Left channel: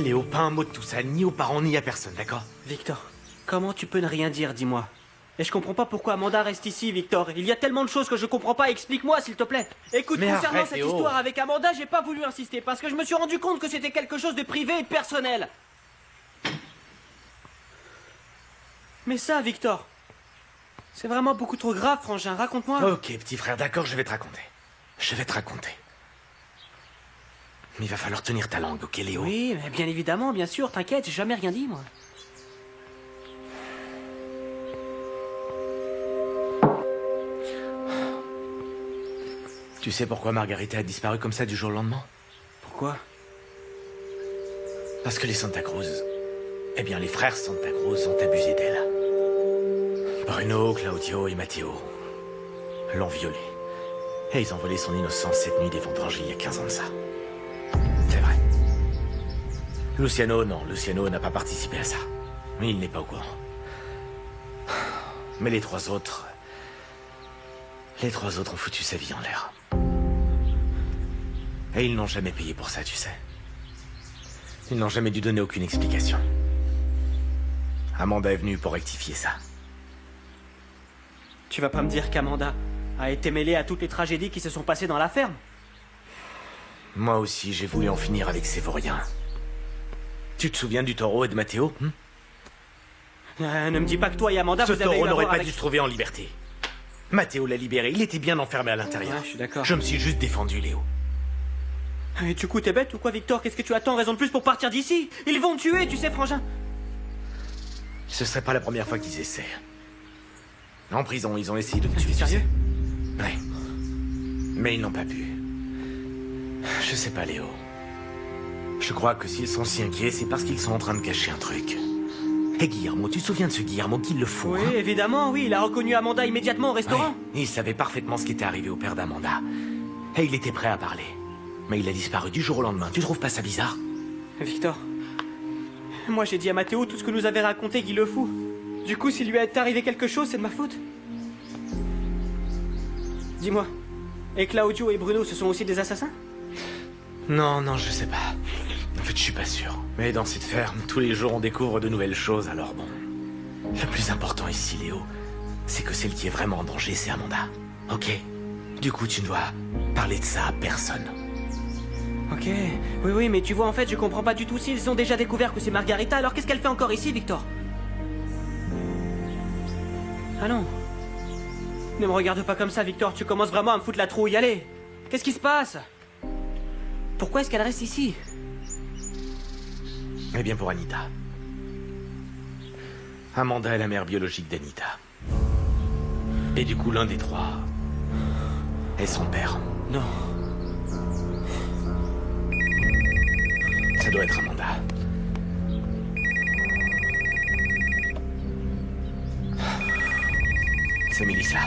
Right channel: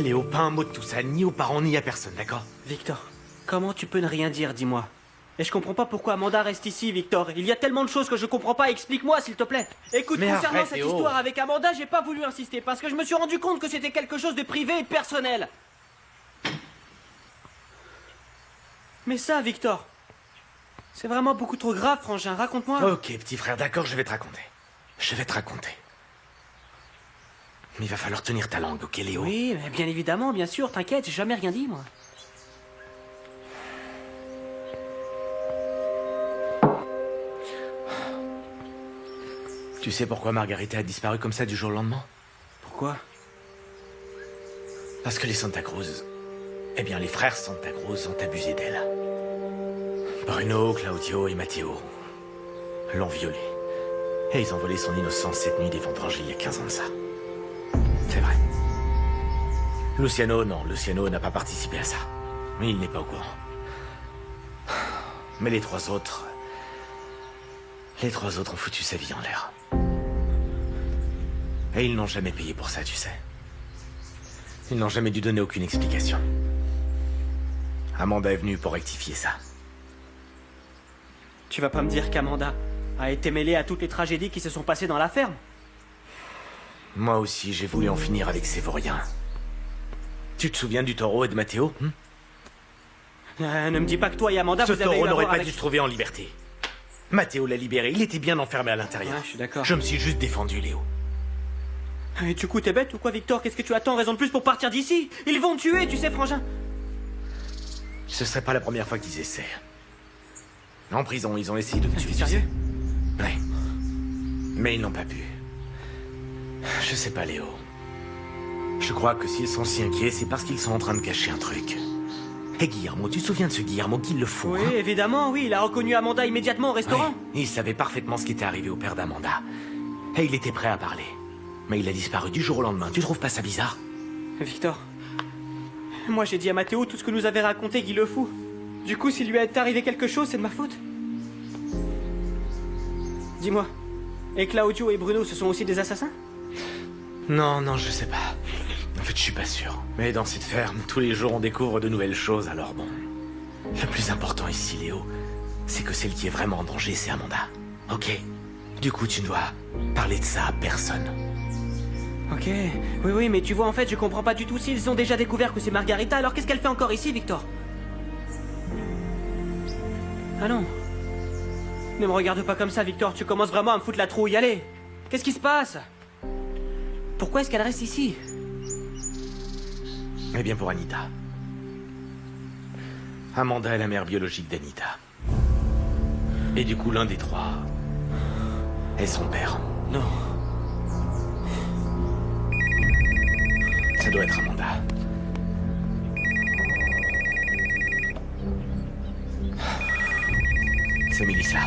Léo, pas un mot de tout ça, ni aux parents, ni à personne, d'accord? Victor, comment tu peux ne rien dire, dis-moi? Et je comprends pas pourquoi Amanda reste ici, Victor. Il y a tellement de choses que je comprends pas, explique-moi s'il te plaît. Écoute, Mais concernant arrête, cette Léo. histoire avec Amanda, j'ai pas voulu insister parce que je me suis rendu compte que c'était quelque chose de privé et de personnel. Mais ça, Victor, c'est vraiment beaucoup trop grave, frangin, raconte-moi. Ok, petit frère, d'accord, je vais te raconter. Je vais te raconter. Mais il va falloir tenir ta langue, ok, Léo? Oui, mais bien évidemment, bien sûr, t'inquiète, j'ai jamais rien dit, moi. Tu sais pourquoi Margarita a disparu comme ça du jour au lendemain? Pourquoi? Parce que les Santa Cruz... Eh bien, les frères Santa Cruz ont abusé d'elle. Bruno, Claudio et Matteo l'ont violée. Et ils ont volé son innocence cette nuit des vendangés il y a 15 ans de ça. C'est vrai. Luciano, non, Luciano n'a pas participé à ça. Mais il n'est pas au courant. Mais les trois autres... Les trois autres ont foutu sa vie en l'air. Et ils n'ont jamais payé pour ça, tu sais. Ils n'ont jamais dû donner aucune explication. Amanda est venue pour rectifier ça. Tu vas pas me dire qu'Amanda a été mêlée à toutes les tragédies qui se sont passées dans la ferme? Moi aussi, j'ai voulu en finir avec ces vauriens. Tu te souviens du taureau et de Matteo? Ne me dis pas que toi et Amanda, Ce vous avez eu taureau à n'aurait voir pas avec... dû se trouver en liberté. Matteo l'a libéré, il était bien enfermé à l'intérieur. Ouais, je suis d'accord. Je me suis juste défendu, Léo. Et du coup, t'es bête ou quoi, Victor? Qu'est-ce que tu attends? Raison de plus pour partir d'ici? Ils vont me tuer, tu sais, frangin. Ce serait pas la première fois qu'ils essaient. En prison, ils ont essayé de me tuer. Sérieux? Ouais. Mais ils n'ont pas pu. Je sais pas, Léo. Je crois que s'ils sont si inquiets, c'est parce qu'ils sont en train de cacher un truc. Et Guillermo, tu te souviens de ce Guillermo qui le faut, Oui, hein? évidemment, oui. Il a reconnu Amanda immédiatement au restaurant. Ouais, il savait parfaitement ce qui était arrivé au père d'Amanda. Et il était prêt à parler. Mais il a disparu du jour au lendemain. Tu trouves pas ça bizarre? Victor, moi j'ai dit à Matteo tout ce que nous avait raconté Guy le Fou. Du coup, s'il lui est arrivé quelque chose, c'est de ma faute. Dis-moi, et Claudio et Bruno, ce sont aussi des assassins? Non, non, je sais pas. En fait, je suis pas sûr. Mais dans cette ferme, tous les jours, on découvre de nouvelles choses, alors bon. Le plus important ici, Léo, c'est que celle qui est vraiment en danger, c'est Amanda. Ok? Du coup, tu ne dois parler de ça à personne. Ok, oui, mais tu vois, en fait, je comprends pas du tout. S'ils ont déjà découvert que c'est Margarita, alors qu'est-ce qu'elle fait encore ici, Victor? Ah non. Ne me regarde pas comme ça, Victor. Tu commences vraiment à me foutre la trouille. Allez, qu'est-ce qui se passe? Pourquoi est-ce qu'elle reste ici? Eh bien, pour Anita. Amanda est la mère biologique d'Anita. Et du coup, l'un des trois est son père. Non. Ça doit être Amanda. C'est Melissa.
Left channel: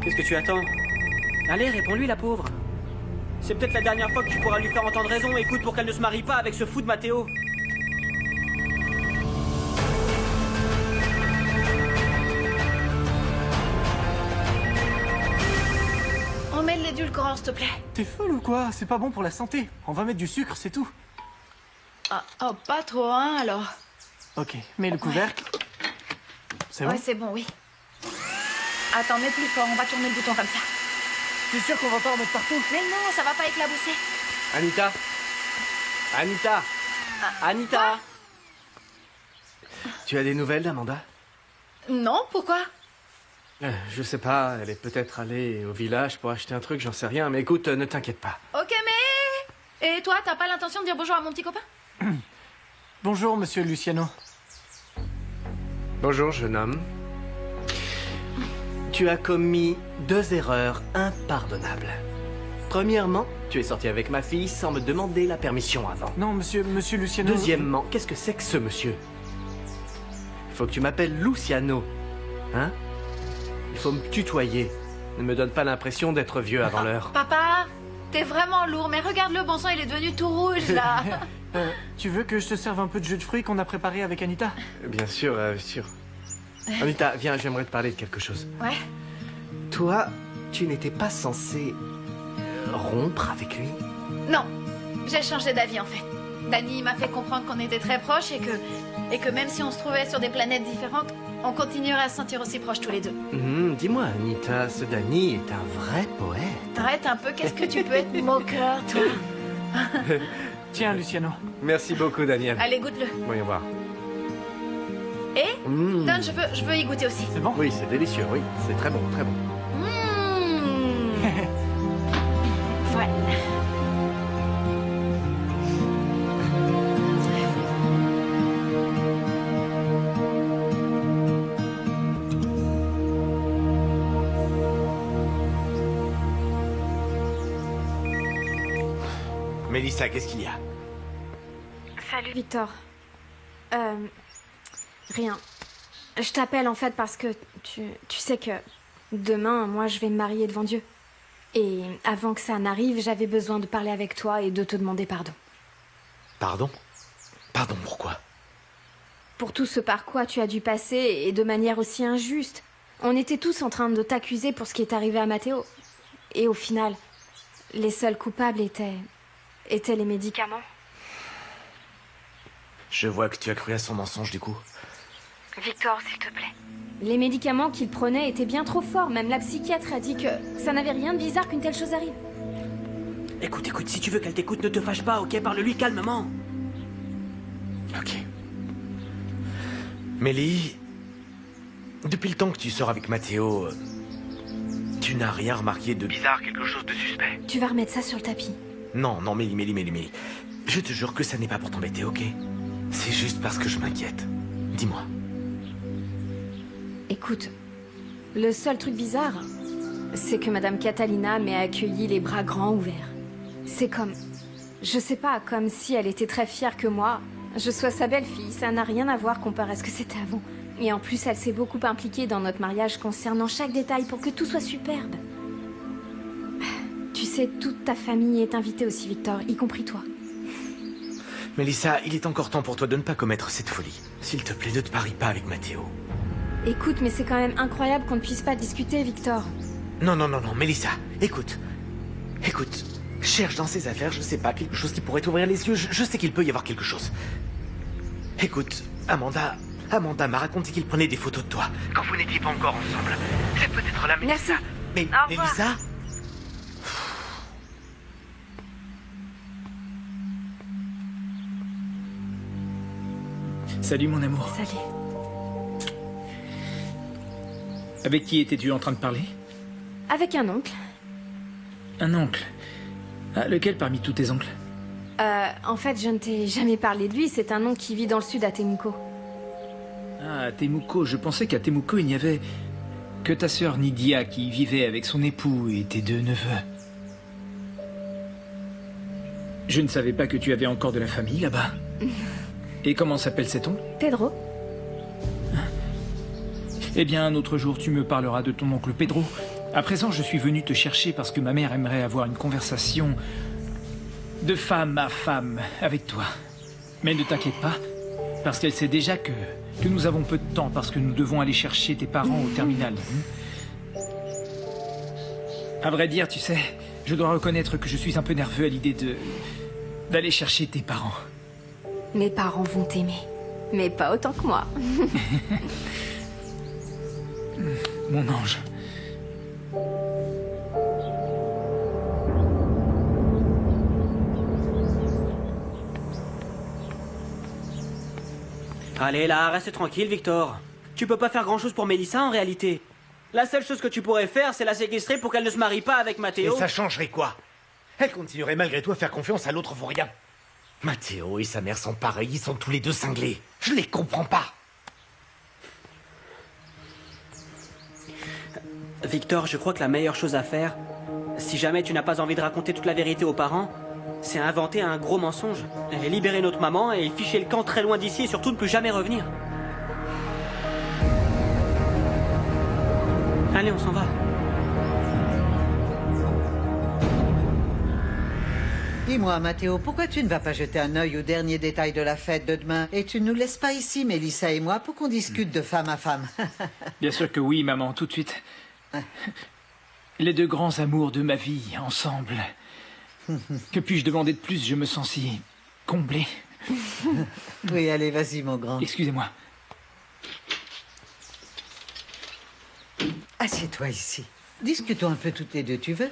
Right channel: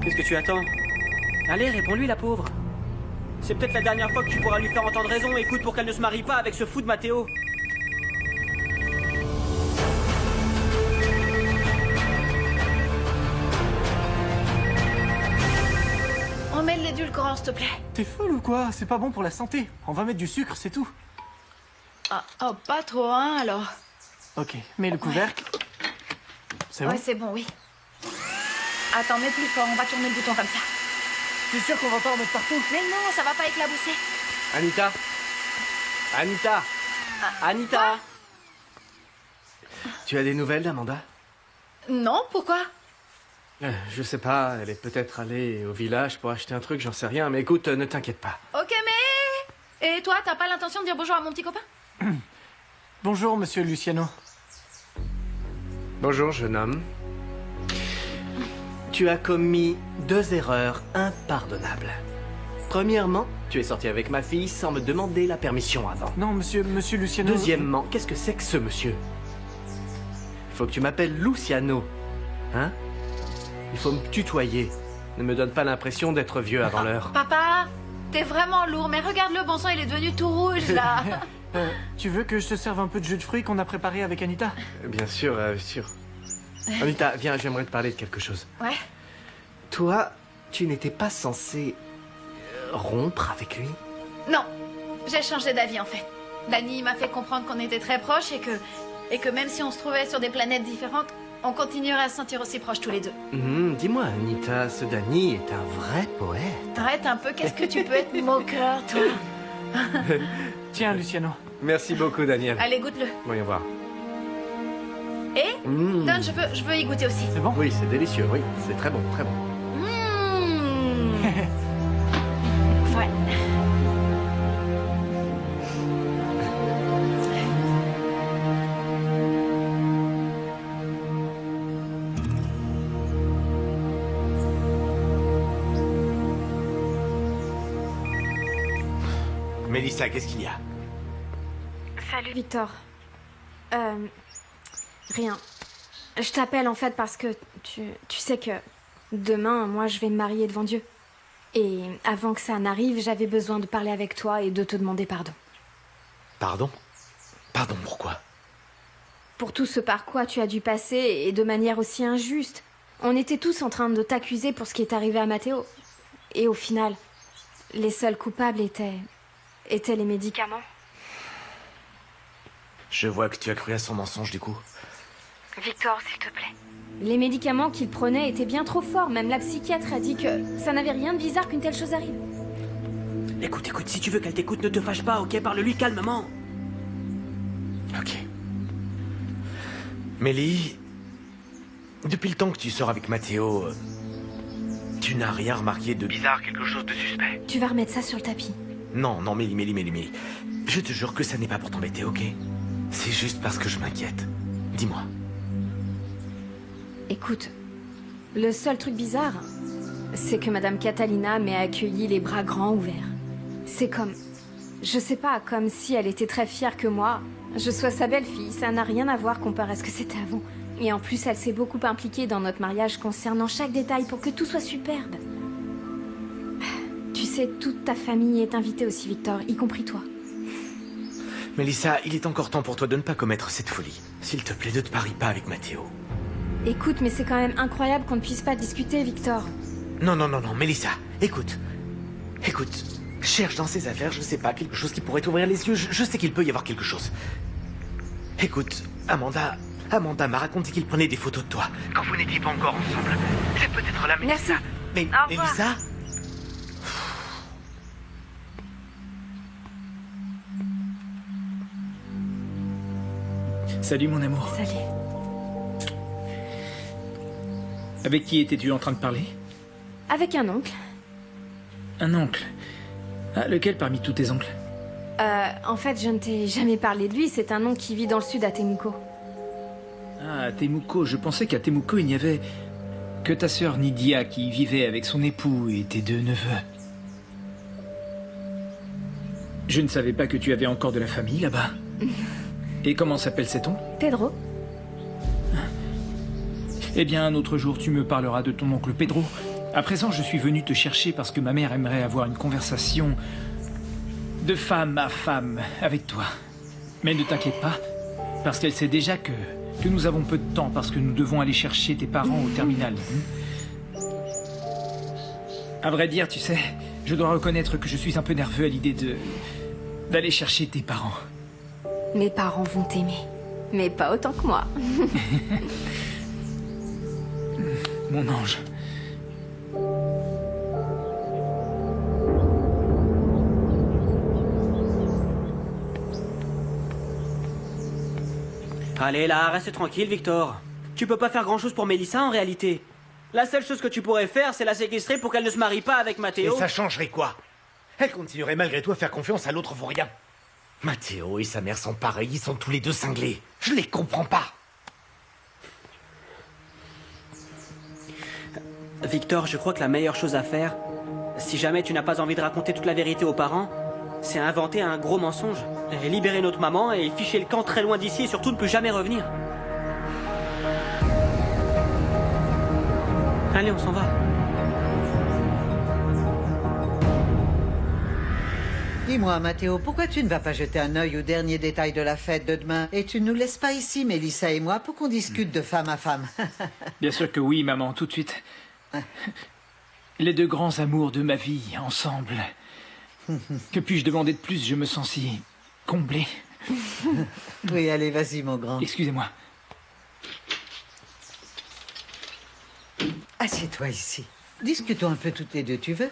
Qu'est-ce que tu attends? Allez, réponds-lui, la pauvre. C'est peut-être la dernière fois que tu pourras lui faire entendre raison. Écoute, pour qu'elle ne se marie pas avec ce fou de Matteo. On met de l'édulcorant, s'il te plaît. T'es folle ou quoi? C'est pas bon pour la santé. On va mettre du sucre, c'est tout. Ah, oh, pas trop, hein, alors. Ok, mets le couvercle. C'est bon? Ouais, c'est bon, oui. Attends, mets plus fort, on va tourner le bouton comme ça. T'es sûr qu'on va pas en mettre partout? Mais non, ça va pas éclabousser. Anita. Anita. Anita. Tu as des nouvelles d'Amanda? Non, pourquoi? Je sais pas, elle est peut-être allée au village pour acheter un truc, j'en sais rien. Mais écoute, ne t'inquiète pas. Ok, mais... Et toi, t'as pas l'intention de dire bonjour à mon petit copain? Bonjour, monsieur Luciano. Bonjour, jeune homme. Tu as commis 2 erreurs impardonnables. Premièrement, tu es sorti avec ma fille sans me demander la permission avant. Non, monsieur Luciano... Deuxièmement, qu'est-ce que c'est que ce monsieur? Il faut que tu m'appelles Luciano. Hein? Il faut me tutoyer. Ne me donne pas l'impression d'être vieux avant l'heure. Papa, t'es vraiment lourd, mais regarde le bon sang, il est devenu tout rouge, là. Tu veux que je te serve un peu de jus de fruits qu'on a préparé avec Anita? Bien sûr, sûr. Anita, viens, j'aimerais te parler de quelque chose. Ouais. Toi, tu n'étais pas censé rompre avec lui? Non, j'ai changé d'avis, en fait. Danny m'a fait comprendre qu'on était très proches et que même si on se trouvait sur des planètes différentes, on continuerait à se sentir aussi proches tous les deux. Dis-moi, Anita, ce Danny est un vrai poète. Arrête un peu, qu'est-ce que tu peux être moqueur, toi? Tiens, Luciano. Merci beaucoup, Daniel. Allez, goûte-le. Voyons voir. Et Don, je veux y goûter aussi. C'est bon? Oui, c'est délicieux, oui. C'est très bon, très bon. Ouais. Mélissa, qu'est-ce qu'il y a? Salut Victor. Rien. Je t'appelle en fait parce que tu sais que demain, moi je vais me marier devant Dieu. Et avant que ça n'arrive, j'avais besoin de parler avec toi et de te demander pardon. Pardon? Pardon, pourquoi? Pour tout ce par quoi tu as dû passer et de manière aussi injuste. On était tous en train de t'accuser pour ce qui est arrivé à Matteo. Et au final, les seuls coupables étaient les médicaments. Je vois que tu as cru à son mensonge du coup. Victor, s'il te plaît. Les médicaments qu'il prenait étaient bien trop forts. Même la psychiatre a dit que ça n'avait rien de bizarre qu'une telle chose arrive. Écoute, si tu veux qu'elle t'écoute, ne te fâche pas, ok? Parle-lui calmement. Ok. Mélie, depuis le temps que tu sors avec Matteo, tu n'as rien remarqué de bizarre, quelque chose de suspect? Tu vas remettre ça sur le tapis. Non, Mélie. Je te jure que ça n'est pas pour t'embêter, ok? C'est juste parce que je m'inquiète. Dis-moi. Écoute, le seul truc bizarre, c'est que Madame Catalina m'ait accueilli les bras grands ouverts. C'est comme... Je sais pas, comme si elle était très fière que moi, je sois sa belle-fille. Ça n'a rien à voir comparé à ce que c'était avant. Et en plus, elle s'est beaucoup impliquée dans notre mariage concernant chaque détail pour que tout soit superbe. Tu sais, toute ta famille est invitée aussi, Victor, y compris toi. Mélissa, il est encore temps pour toi de ne pas commettre cette folie. S'il te plaît, ne te parie pas avec Matteo. Écoute, mais c'est quand même incroyable qu'on ne puisse pas discuter, Victor. Non, Mélissa, écoute. Cherche dans ses affaires, je sais pas, quelque chose qui pourrait t'ouvrir les yeux. Je sais qu'il peut y avoir quelque chose. Écoute, Amanda m'a raconté qu'il prenait des photos de toi quand vous n'étiez pas encore ensemble. C'est peut-être là, Mélissa. Merci. Mais Au revoir. Mélissa? Salut mon amour. Salut. Avec qui étais-tu en train de parler? Avec un oncle. Un oncle. Ah, lequel parmi tous tes oncles? En fait, je ne t'ai jamais parlé de lui. C'est un oncle qui vit dans le sud à Temuco. Ah, à Temuco. Je pensais qu'à Temuco, il n'y avait que ta sœur Nydia qui y vivait avec son époux et tes deux neveux. Je ne savais pas que tu avais encore de la famille là-bas. Et comment s'appelle cet oncle? Pedro. Eh bien, un autre jour, tu me parleras de ton oncle Pedro. À présent, je suis venu te chercher parce que ma mère aimerait avoir une conversation de femme à femme avec toi. Mais ne t'inquiète pas, parce qu'elle sait déjà que nous avons peu de temps parce que nous devons aller chercher tes parents au terminal. À vrai dire, tu sais, je dois reconnaître que je suis un peu nerveux à l'idée d'aller chercher tes parents. Mes parents vont t'aimer. Mais pas autant que moi. Mon ange. Allez là, reste tranquille, Victor. Tu peux pas faire grand-chose pour Mélissa en réalité. La seule chose que tu pourrais faire, c'est la séquestrer pour qu'elle ne se marie pas avec Et Matteo. ça changerait quoi? Elle continuerait malgré tout à faire confiance à l'autre pour rien. Matteo et sa mère sont pareils, ils sont tous les deux cinglés. Je les comprends pas. Victor, je crois que la meilleure chose à faire, si jamais tu n'as pas envie de raconter toute la vérité aux parents, c'est inventer un gros mensonge. Et libérer notre maman et ficher le camp très loin d'ici et surtout ne plus jamais revenir. Allez, on s'en va. Dis-moi, Matteo, pourquoi tu ne vas pas jeter un œil aux derniers détails de la fête de demain et tu ne nous laisses pas ici, Mélissa et moi, pour qu'on discute de femme à femme? Bien sûr que oui, maman, tout de suite. Les deux grands amours de ma vie, ensemble. Que puis-je demander de plus? Je me sens si comblé. Oui, allez, vas-y, mon grand. Excusez-moi. Assieds-toi ici. Discutons un peu toutes les deux, tu veux?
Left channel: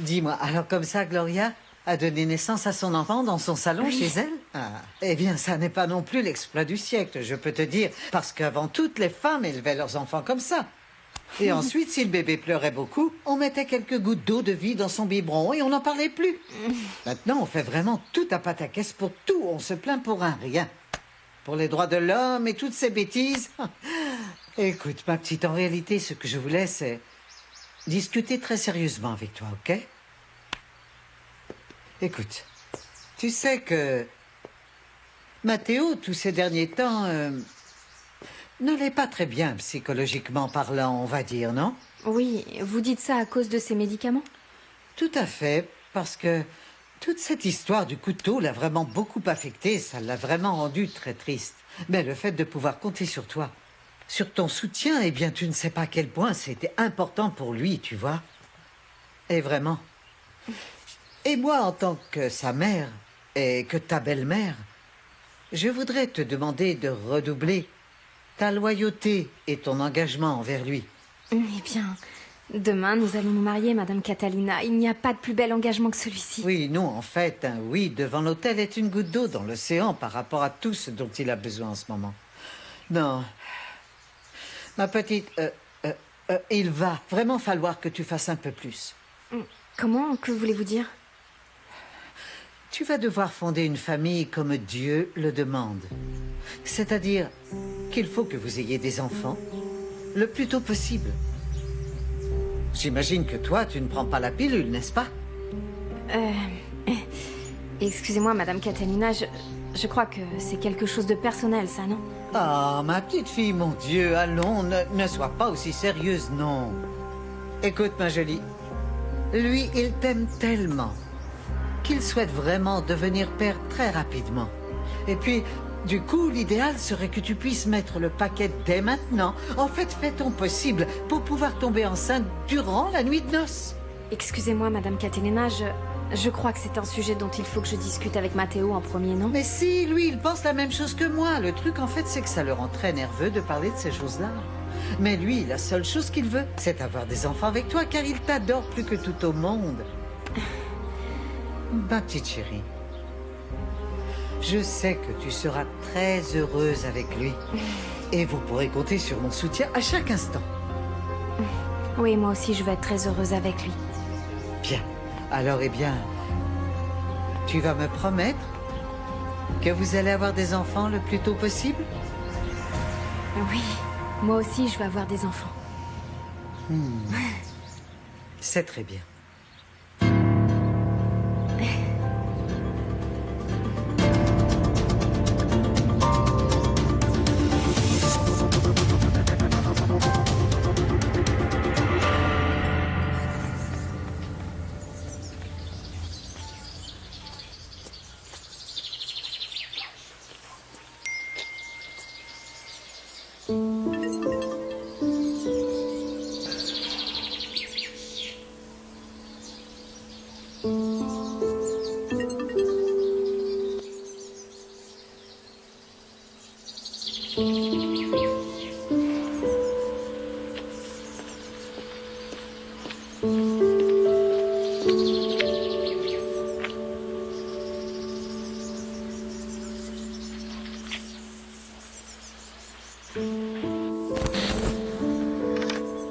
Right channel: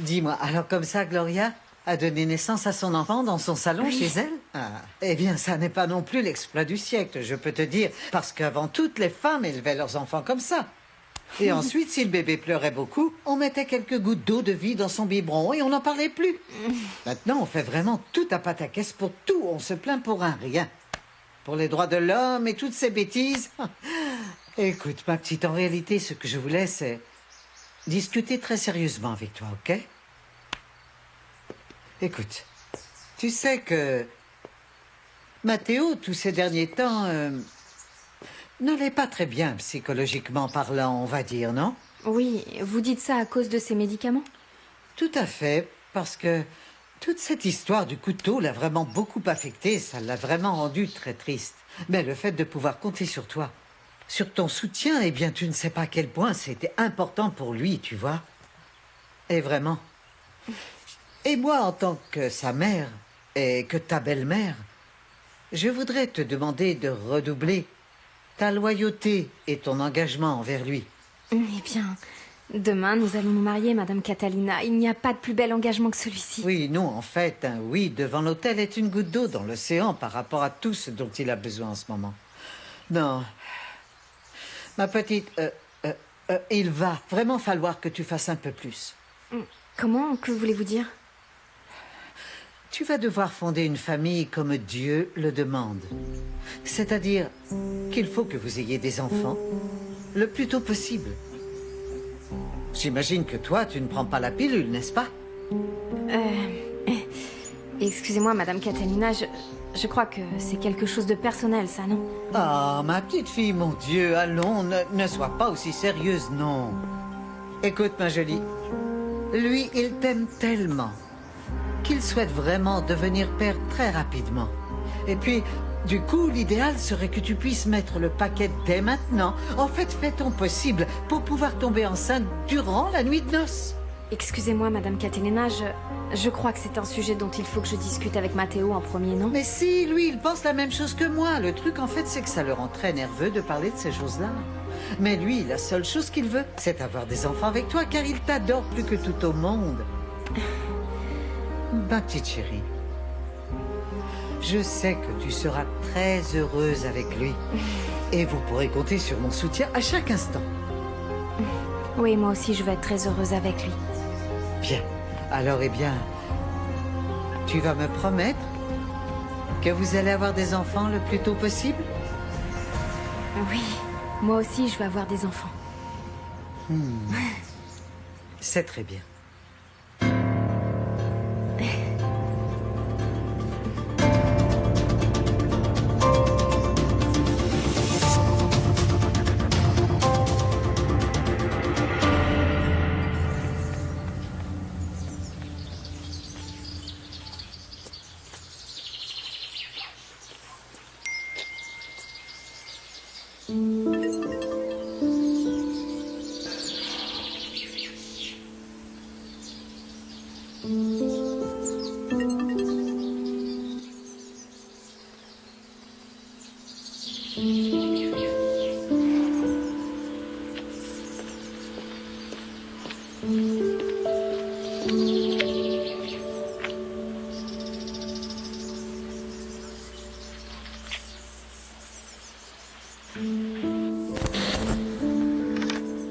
Dis-moi, alors comme ça, Gloria a donné naissance à son enfant dans son salon chez elle? Ah, eh bien, ça n'est pas non plus l'exploit du siècle, je peux te dire, parce qu'avant, toutes les femmes élevaient leurs enfants comme ça. Et ensuite, si le bébé pleurait beaucoup, on mettait quelques gouttes d'eau de vie dans son biberon et on n'en parlait plus. Maintenant, on fait vraiment tout à pataquès pour tout. On se plaint pour un rien. Pour les droits de l'homme et toutes ces bêtises. Écoute, ma petite, en réalité, ce que je voulais, c'est discuter très sérieusement avec toi, ok? Écoute, tu sais que Matteo, tous ces derniers temps, n'allait pas très bien psychologiquement parlant, on va dire, non? Oui, vous dites ça à cause de ces médicaments? Tout à fait, parce que toute cette histoire du couteau l'a vraiment beaucoup affecté, ça l'a vraiment rendu très triste. Mais le fait de pouvoir compter sur toi, sur ton soutien, eh bien, tu ne sais pas à quel point c'était important pour lui, tu vois. Et vraiment. Et moi, en tant que sa mère et que ta belle-mère, je voudrais te demander de redoubler ta loyauté et ton engagement envers lui. Eh bien, demain, nous allons nous marier, Madame Catalina. Il n'y a pas de plus bel engagement que celui-ci. Oui, non, en fait, un oui devant l'autel est une goutte d'eau dans l'océan par rapport à tout ce dont il a besoin en ce moment. Non. Ma petite, il va vraiment falloir que tu fasses un peu plus. Comment? Que voulez-vous dire? Tu vas devoir fonder une famille comme Dieu le demande. C'est-à-dire qu'il faut que vous ayez des enfants le plus tôt possible. J'imagine que toi, tu ne prends pas la pilule, n'est-ce pas? Excusez-moi, Madame Catalina, je crois que c'est quelque chose de personnel, ça, non? Ah, ma petite fille, mon Dieu, allons, ne sois pas aussi sérieuse, non. Écoute, ma jolie, lui, il t'aime tellement qu'il souhaite vraiment devenir père très rapidement. Et puis, du coup, l'idéal serait que tu puisses mettre le paquet dès maintenant. En fait, fais ton possible pour pouvoir tomber enceinte durant la nuit de noces. Excusez-moi, Madame Catalina, je crois que c'est un sujet dont il faut que je discute avec Matteo en premier, non? Mais si, lui, il pense la même chose que moi. Le truc, en fait, c'est que ça le rend très nerveux de parler de ces choses-là. Mais lui, la seule chose qu'il veut, c'est avoir des enfants avec toi, car il t'adore plus que tout au monde. Ma petite chérie, je sais que tu seras très heureuse avec lui. Et vous pourrez compter sur mon soutien à chaque instant. Oui, moi aussi, je vais être très heureuse avec lui. Bien. Alors, eh bien, tu vas me promettre que vous allez avoir des enfants le plus tôt possible? Oui, moi aussi, je vais avoir des enfants. C'est très bien.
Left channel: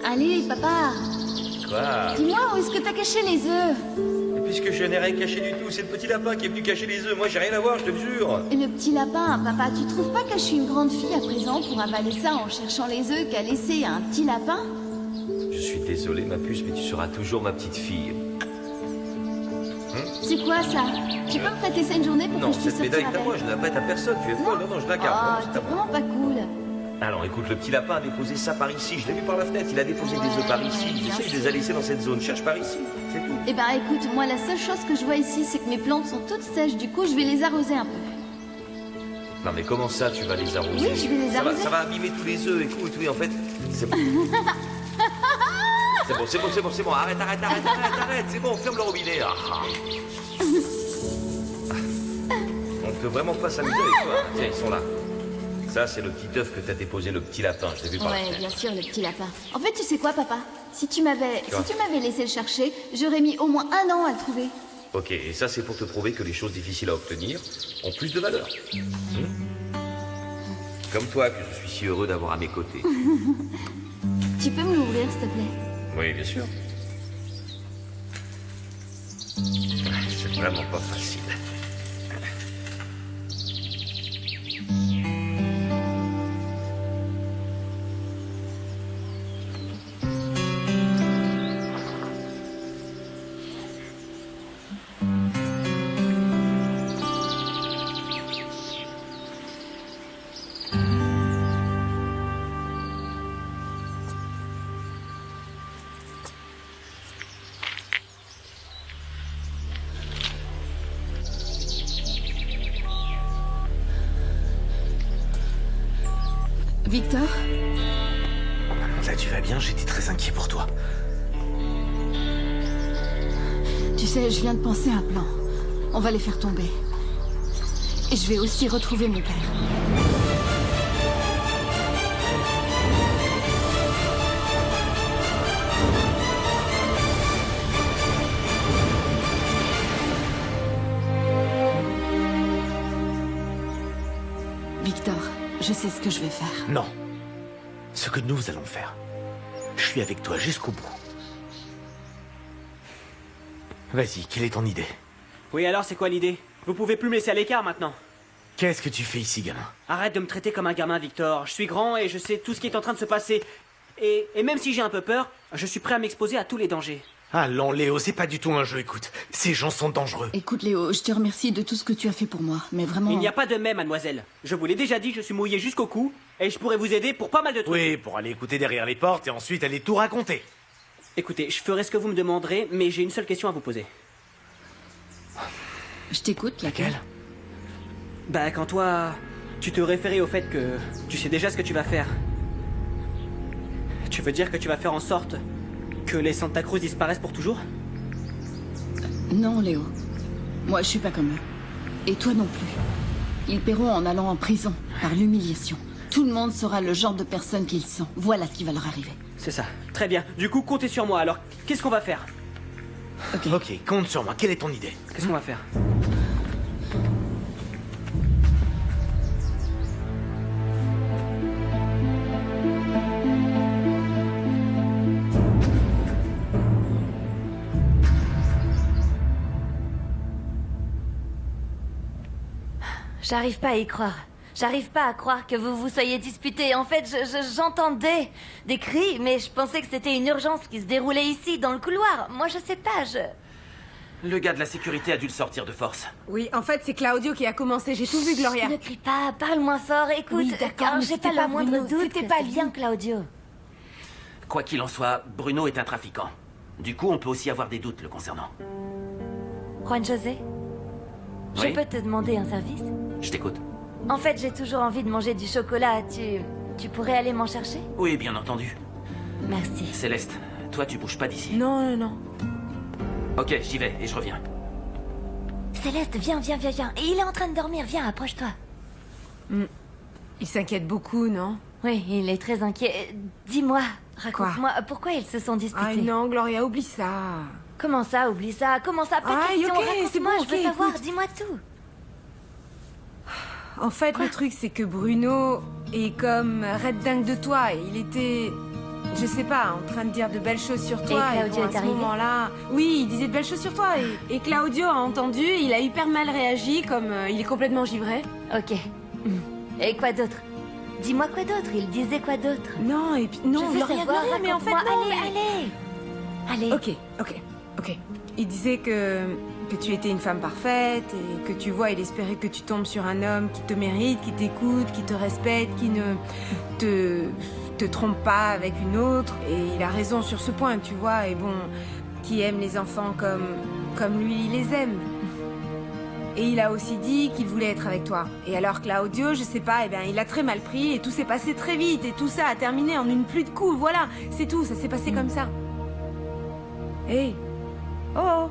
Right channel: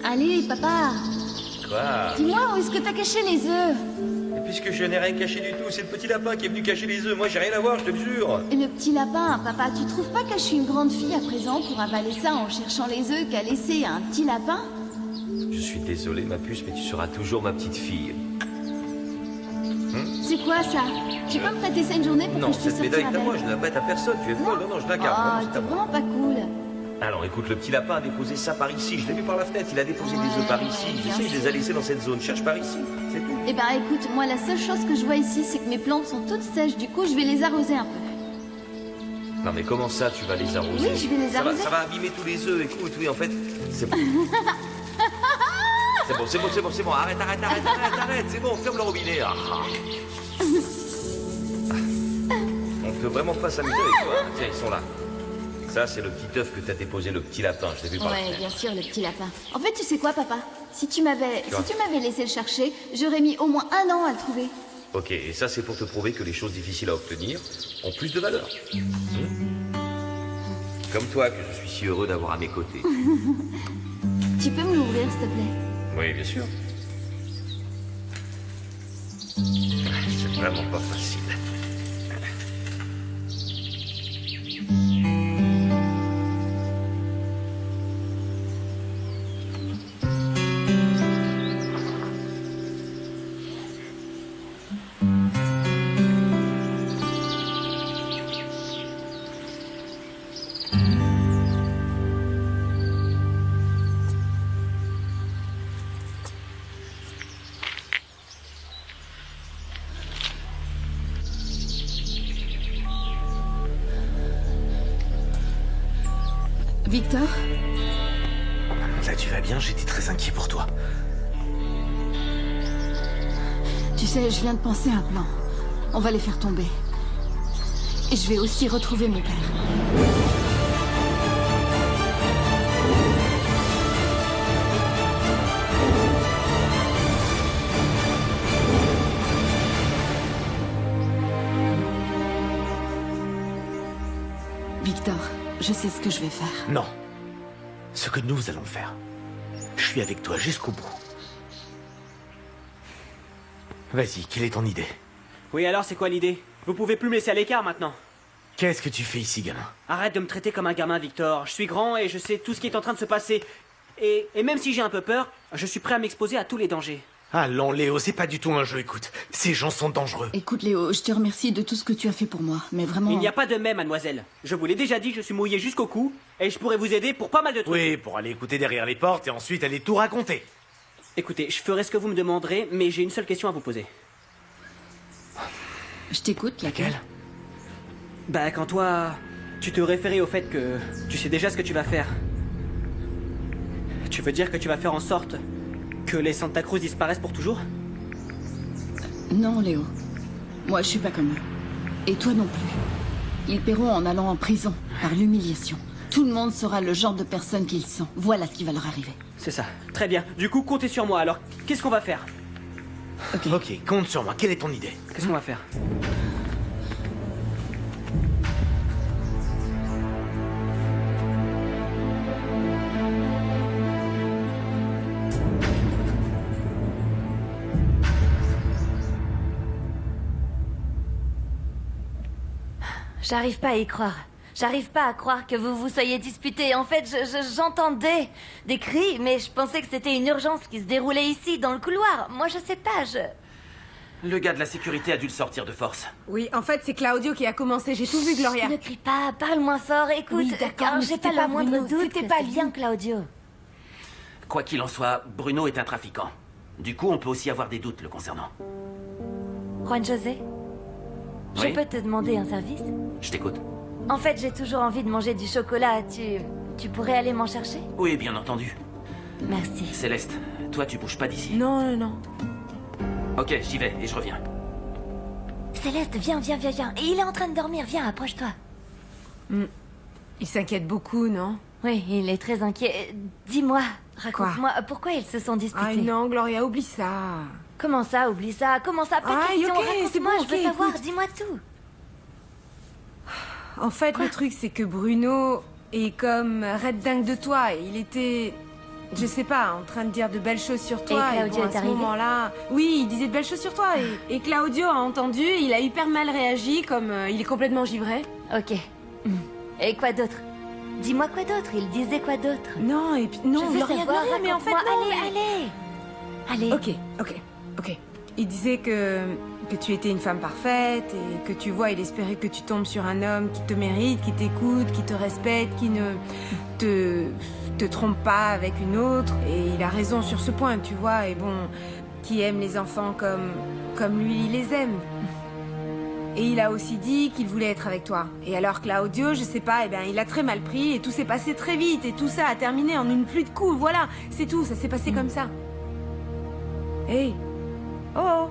Allez, papa, Quoi? dis-moi où est-ce que t'as caché les œufs? Et puisque je n'ai rien caché du tout, c'est le petit lapin qui est venu cacher les œufs. Moi, j'ai rien à voir, je te le jure. Et le petit lapin, papa, tu trouves pas que je suis une grande fille à présent pour avaler ça en cherchant les œufs qu'a laissé un petit lapin? Je suis désolé, ma puce, mais tu seras toujours ma petite fille. C'est quoi ça? Tu peux me prêter ça une journée pour Non, que je puisse cette médaille sortir est à moi, avec? je ne la prête à personne. Tu es folle. Non, non, je la garde. Oh, Vraiment, c'est t'es à moi. vraiment pas cool. Alors écoute, le petit lapin a déposé ça par ici. Je l'ai vu par la fenêtre. Il a déposé des œufs par ici. Je bien sais, il sûr. les a laissés dans cette zone. Cherche par ici. C'est tout. Eh ben écoute, moi la seule chose que je vois ici, c'est que mes plantes sont toutes sèches, du coup je vais les arroser un peu. Non, mais comment ça, tu vas les arroser? Oui, je vais les Ça va- arroser. Ça va abîmer tous les œufs. Écoute, oui, en fait, c'est bon. C'est bon. Arrête. C'est bon, ferme le robinet. Ah. peut vraiment pas s'amuser avec toi. Tiens, ils sont là. Ça, c'est le petit œuf que t'as déposé le petit lapin. Je l'ai vu par la Ouais, fenêtre. bien sûr, le petit lapin. En fait, tu sais quoi, papa? Si tu m'avais laissé le chercher, j'aurais mis au moins 1 an à le trouver. Ok, et ça, c'est pour te prouver que les choses difficiles à obtenir ont plus de valeur. Comme toi, que je suis si heureux d'avoir à mes côtés. Tu peux me l'ouvrir, s'il te plaît? Oui, bien sûr. C'est vraiment pas facile. Victor? Là, tu vas bien? J'étais très inquiet pour toi. Tu sais, je viens de penser à un plan. On va les faire tomber. Et je vais aussi retrouver mon père. Victor, je sais ce que je vais faire. Non. Ce que nous allons faire. Je suis avec toi jusqu'au bout. Vas-y, quelle est ton idée? Oui, alors c'est quoi l'idée? Vous pouvez plus me laisser à l'écart maintenant. Qu'est-ce que tu fais ici, gamin? Arrête de me traiter comme un gamin, Victor. Je suis grand et je sais tout ce qui est en train de se passer. Et même si j'ai un peu peur, je suis prêt à m'exposer à tous les dangers. Allons, Léo, c'est pas du tout un jeu, écoute. Ces gens sont dangereux. Écoute, Léo, je te remercie de tout ce que tu as fait pour moi, mais vraiment... Il n'y a pas de mais, mademoiselle. Je vous l'ai déjà dit, je suis mouillé jusqu'au cou, et je pourrais vous aider pour pas mal de trucs. Oui, pour aller écouter derrière les portes et ensuite aller tout raconter. Écoutez, je ferai ce que vous me demanderez, mais j'ai une seule question à vous poser. Je t'écoute, laquelle? Bah, quand toi, tu te référais au fait que tu sais déjà ce que tu vas faire. Tu veux dire que tu vas faire en sorte que les Santa Cruz disparaissent pour toujours? Non, Léo. Moi, je suis pas comme eux. Et toi non plus. Ils paieront en allant en prison, par l'humiliation. Tout le monde saura le genre de personne qu'ils sont. Voilà ce qui va leur arriver. C'est ça. Très bien. Du coup, comptez sur moi. Alors, qu'est-ce qu'on va faire? Ok, compte sur moi. Quelle est ton idée? Qu'est-ce qu'on va faire? J'arrive pas à y croire. J'arrive pas à croire que vous vous soyez disputés. En fait, j'entendais des cris, mais je pensais que c'était une urgence qui se déroulait ici, dans le couloir. Moi, je sais pas, Le gars de la sécurité a dû le sortir de force. Oui, en fait, c'est Claudio qui a commencé. J'ai tout vu, Gloria. Ne crie pas, parle moins fort. Écoute, Oui, d'accord, car mais j'ai c'était pas pas le moindre Bruno, doute c'était que pas c'est lui. bien Claudio. Quoi qu'il en soit, Bruno est un trafiquant. Du coup, on peut aussi avoir des doutes le concernant. Juan José, je Oui? peux te demander un service? Je t'écoute. En fait, j'ai toujours envie de manger du chocolat. Tu pourrais aller m'en chercher? Oui, bien entendu. Merci. Céleste, toi, tu bouges pas d'ici. Non, non, non. Ok, j'y vais et je reviens. Céleste, viens. Et il est en train de dormir, viens, approche-toi. Il s'inquiète beaucoup, non? Oui, il est très inquiet. Dis-moi, raconte-moi, pourquoi ils se sont disputés? Ah non, Gloria, oublie ça. Comment ça, oublie ça? Comment ça? Pas Ah, question, ok, raconte-moi, c'est bon, je veux ok, savoir, écoute. dis-moi tout. En fait, le truc, c'est que Bruno est comme red dingue de toi. Et il était, je sais pas, en train de dire de belles choses sur toi. Et Claudio bon, est à ce arrivé moment-là, oui, il disait de belles choses sur toi. Et Claudio a entendu, il a hyper mal réagi, comme il est complètement givré. Ok. Et quoi d'autre? Dis-moi quoi d'autre, il disait quoi d'autre? Non, et puis, non, je veux Gloria, savoir, Gloria, mais en fait, raconte-moi, non, allez. Ok. Il disait que tu étais une femme parfaite et que tu vois, il espérait que tu tombes sur un homme qui te mérite, qui t'écoute, qui te respecte, qui ne te trompe pas avec une autre. Et il a raison sur ce point, tu vois. Et bon, qui aime les enfants comme lui, il les aime. Et il a aussi dit qu'il voulait être avec toi. Et alors Claudio, je sais pas, il a très mal pris et tout s'est passé très vite. Et tout ça a terminé en une pluie de coups, voilà. C'est tout, ça s'est passé comme ça. Hey. Oh.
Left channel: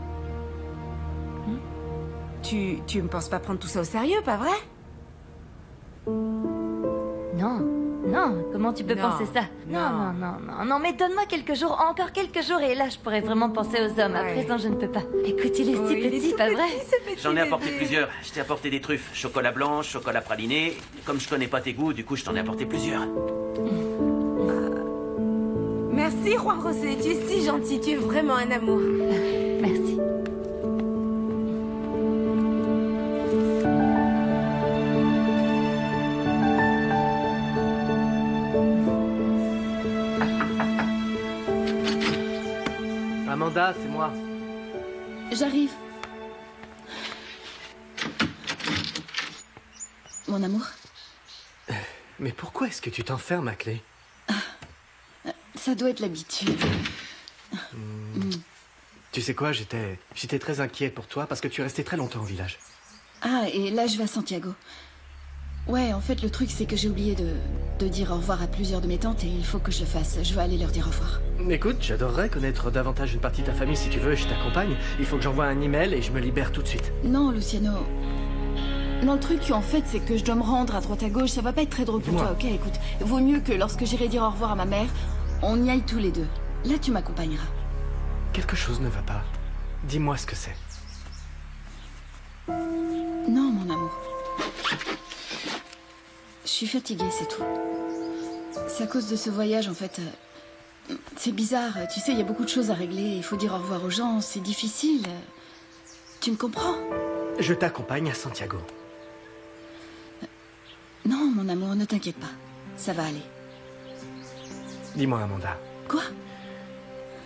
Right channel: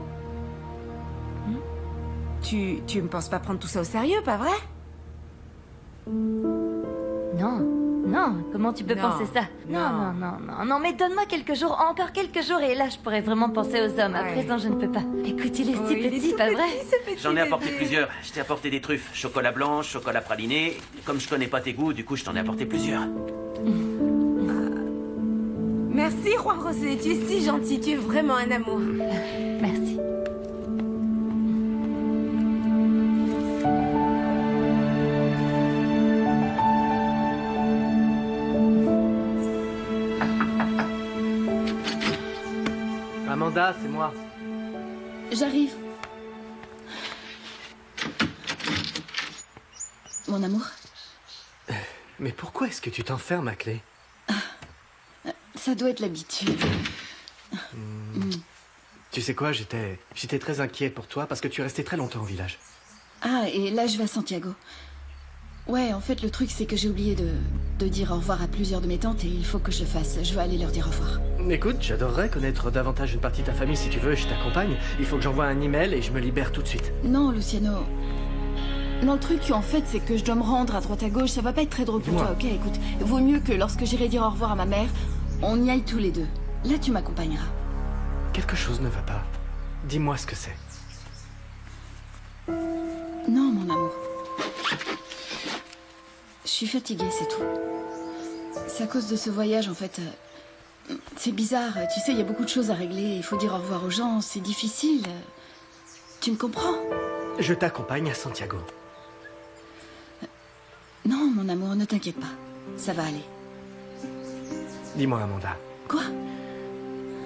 tu me penses pas prendre tout ça au sérieux, pas vrai? Non. Non, comment tu peux Non. penser ça? Non, mais donne-moi quelques jours, encore quelques jours, et là je pourrais vraiment penser aux hommes. À Ouais. présent, je ne peux pas. Écoute, il est Oui, si il est petit, tout pas petit, vrai? ce petit J'en ai apporté bébé. plusieurs. Je t'ai apporté des truffes. Chocolat blanc, chocolat praliné. Comme je connais pas tes goûts, du coup, je t'en ai apporté plusieurs. Merci, Juan José, tu es si gentil, tu es vraiment un amour. Merci. Amanda, c'est moi. J'arrive. Mon amour, Mais pourquoi est-ce que tu t'enfermes à clé? ça doit être l'habitude. Tu sais quoi, j'étais très inquiet pour toi parce que tu es resté très longtemps au village. Ah, et là, je vais à Santiago. Ouais, en fait, le truc, c'est que j'ai oublié de dire au revoir à plusieurs de mes tantes et il faut que je le fasse. Je vais aller leur dire au revoir. Écoute, j'adorerais connaître davantage une partie de ta famille si tu veux, je t'accompagne. Il faut que j'envoie un email et je me libère tout de suite. Non, Luciano. Non, le truc, en fait, c'est que je dois me rendre à droite à gauche. Ça va pas être très drôle pour Dis-moi. toi, ok? Écoute, vaut mieux que lorsque j'irai dire au revoir à ma mère, on y aille tous les deux. Là, tu m'accompagneras. Quelque chose ne va pas. Dis-moi ce que c'est. Non, mon amour. Je suis fatiguée, c'est tout. C'est à cause de ce voyage, en fait. C'est bizarre. Tu sais, il y a beaucoup de choses à régler. Il faut dire au revoir aux gens. C'est difficile. Tu me comprends? Je t'accompagne à Santiago. Non, mon amour, ne t'inquiète pas. Ça va aller. Dis-moi, Amanda. Quoi?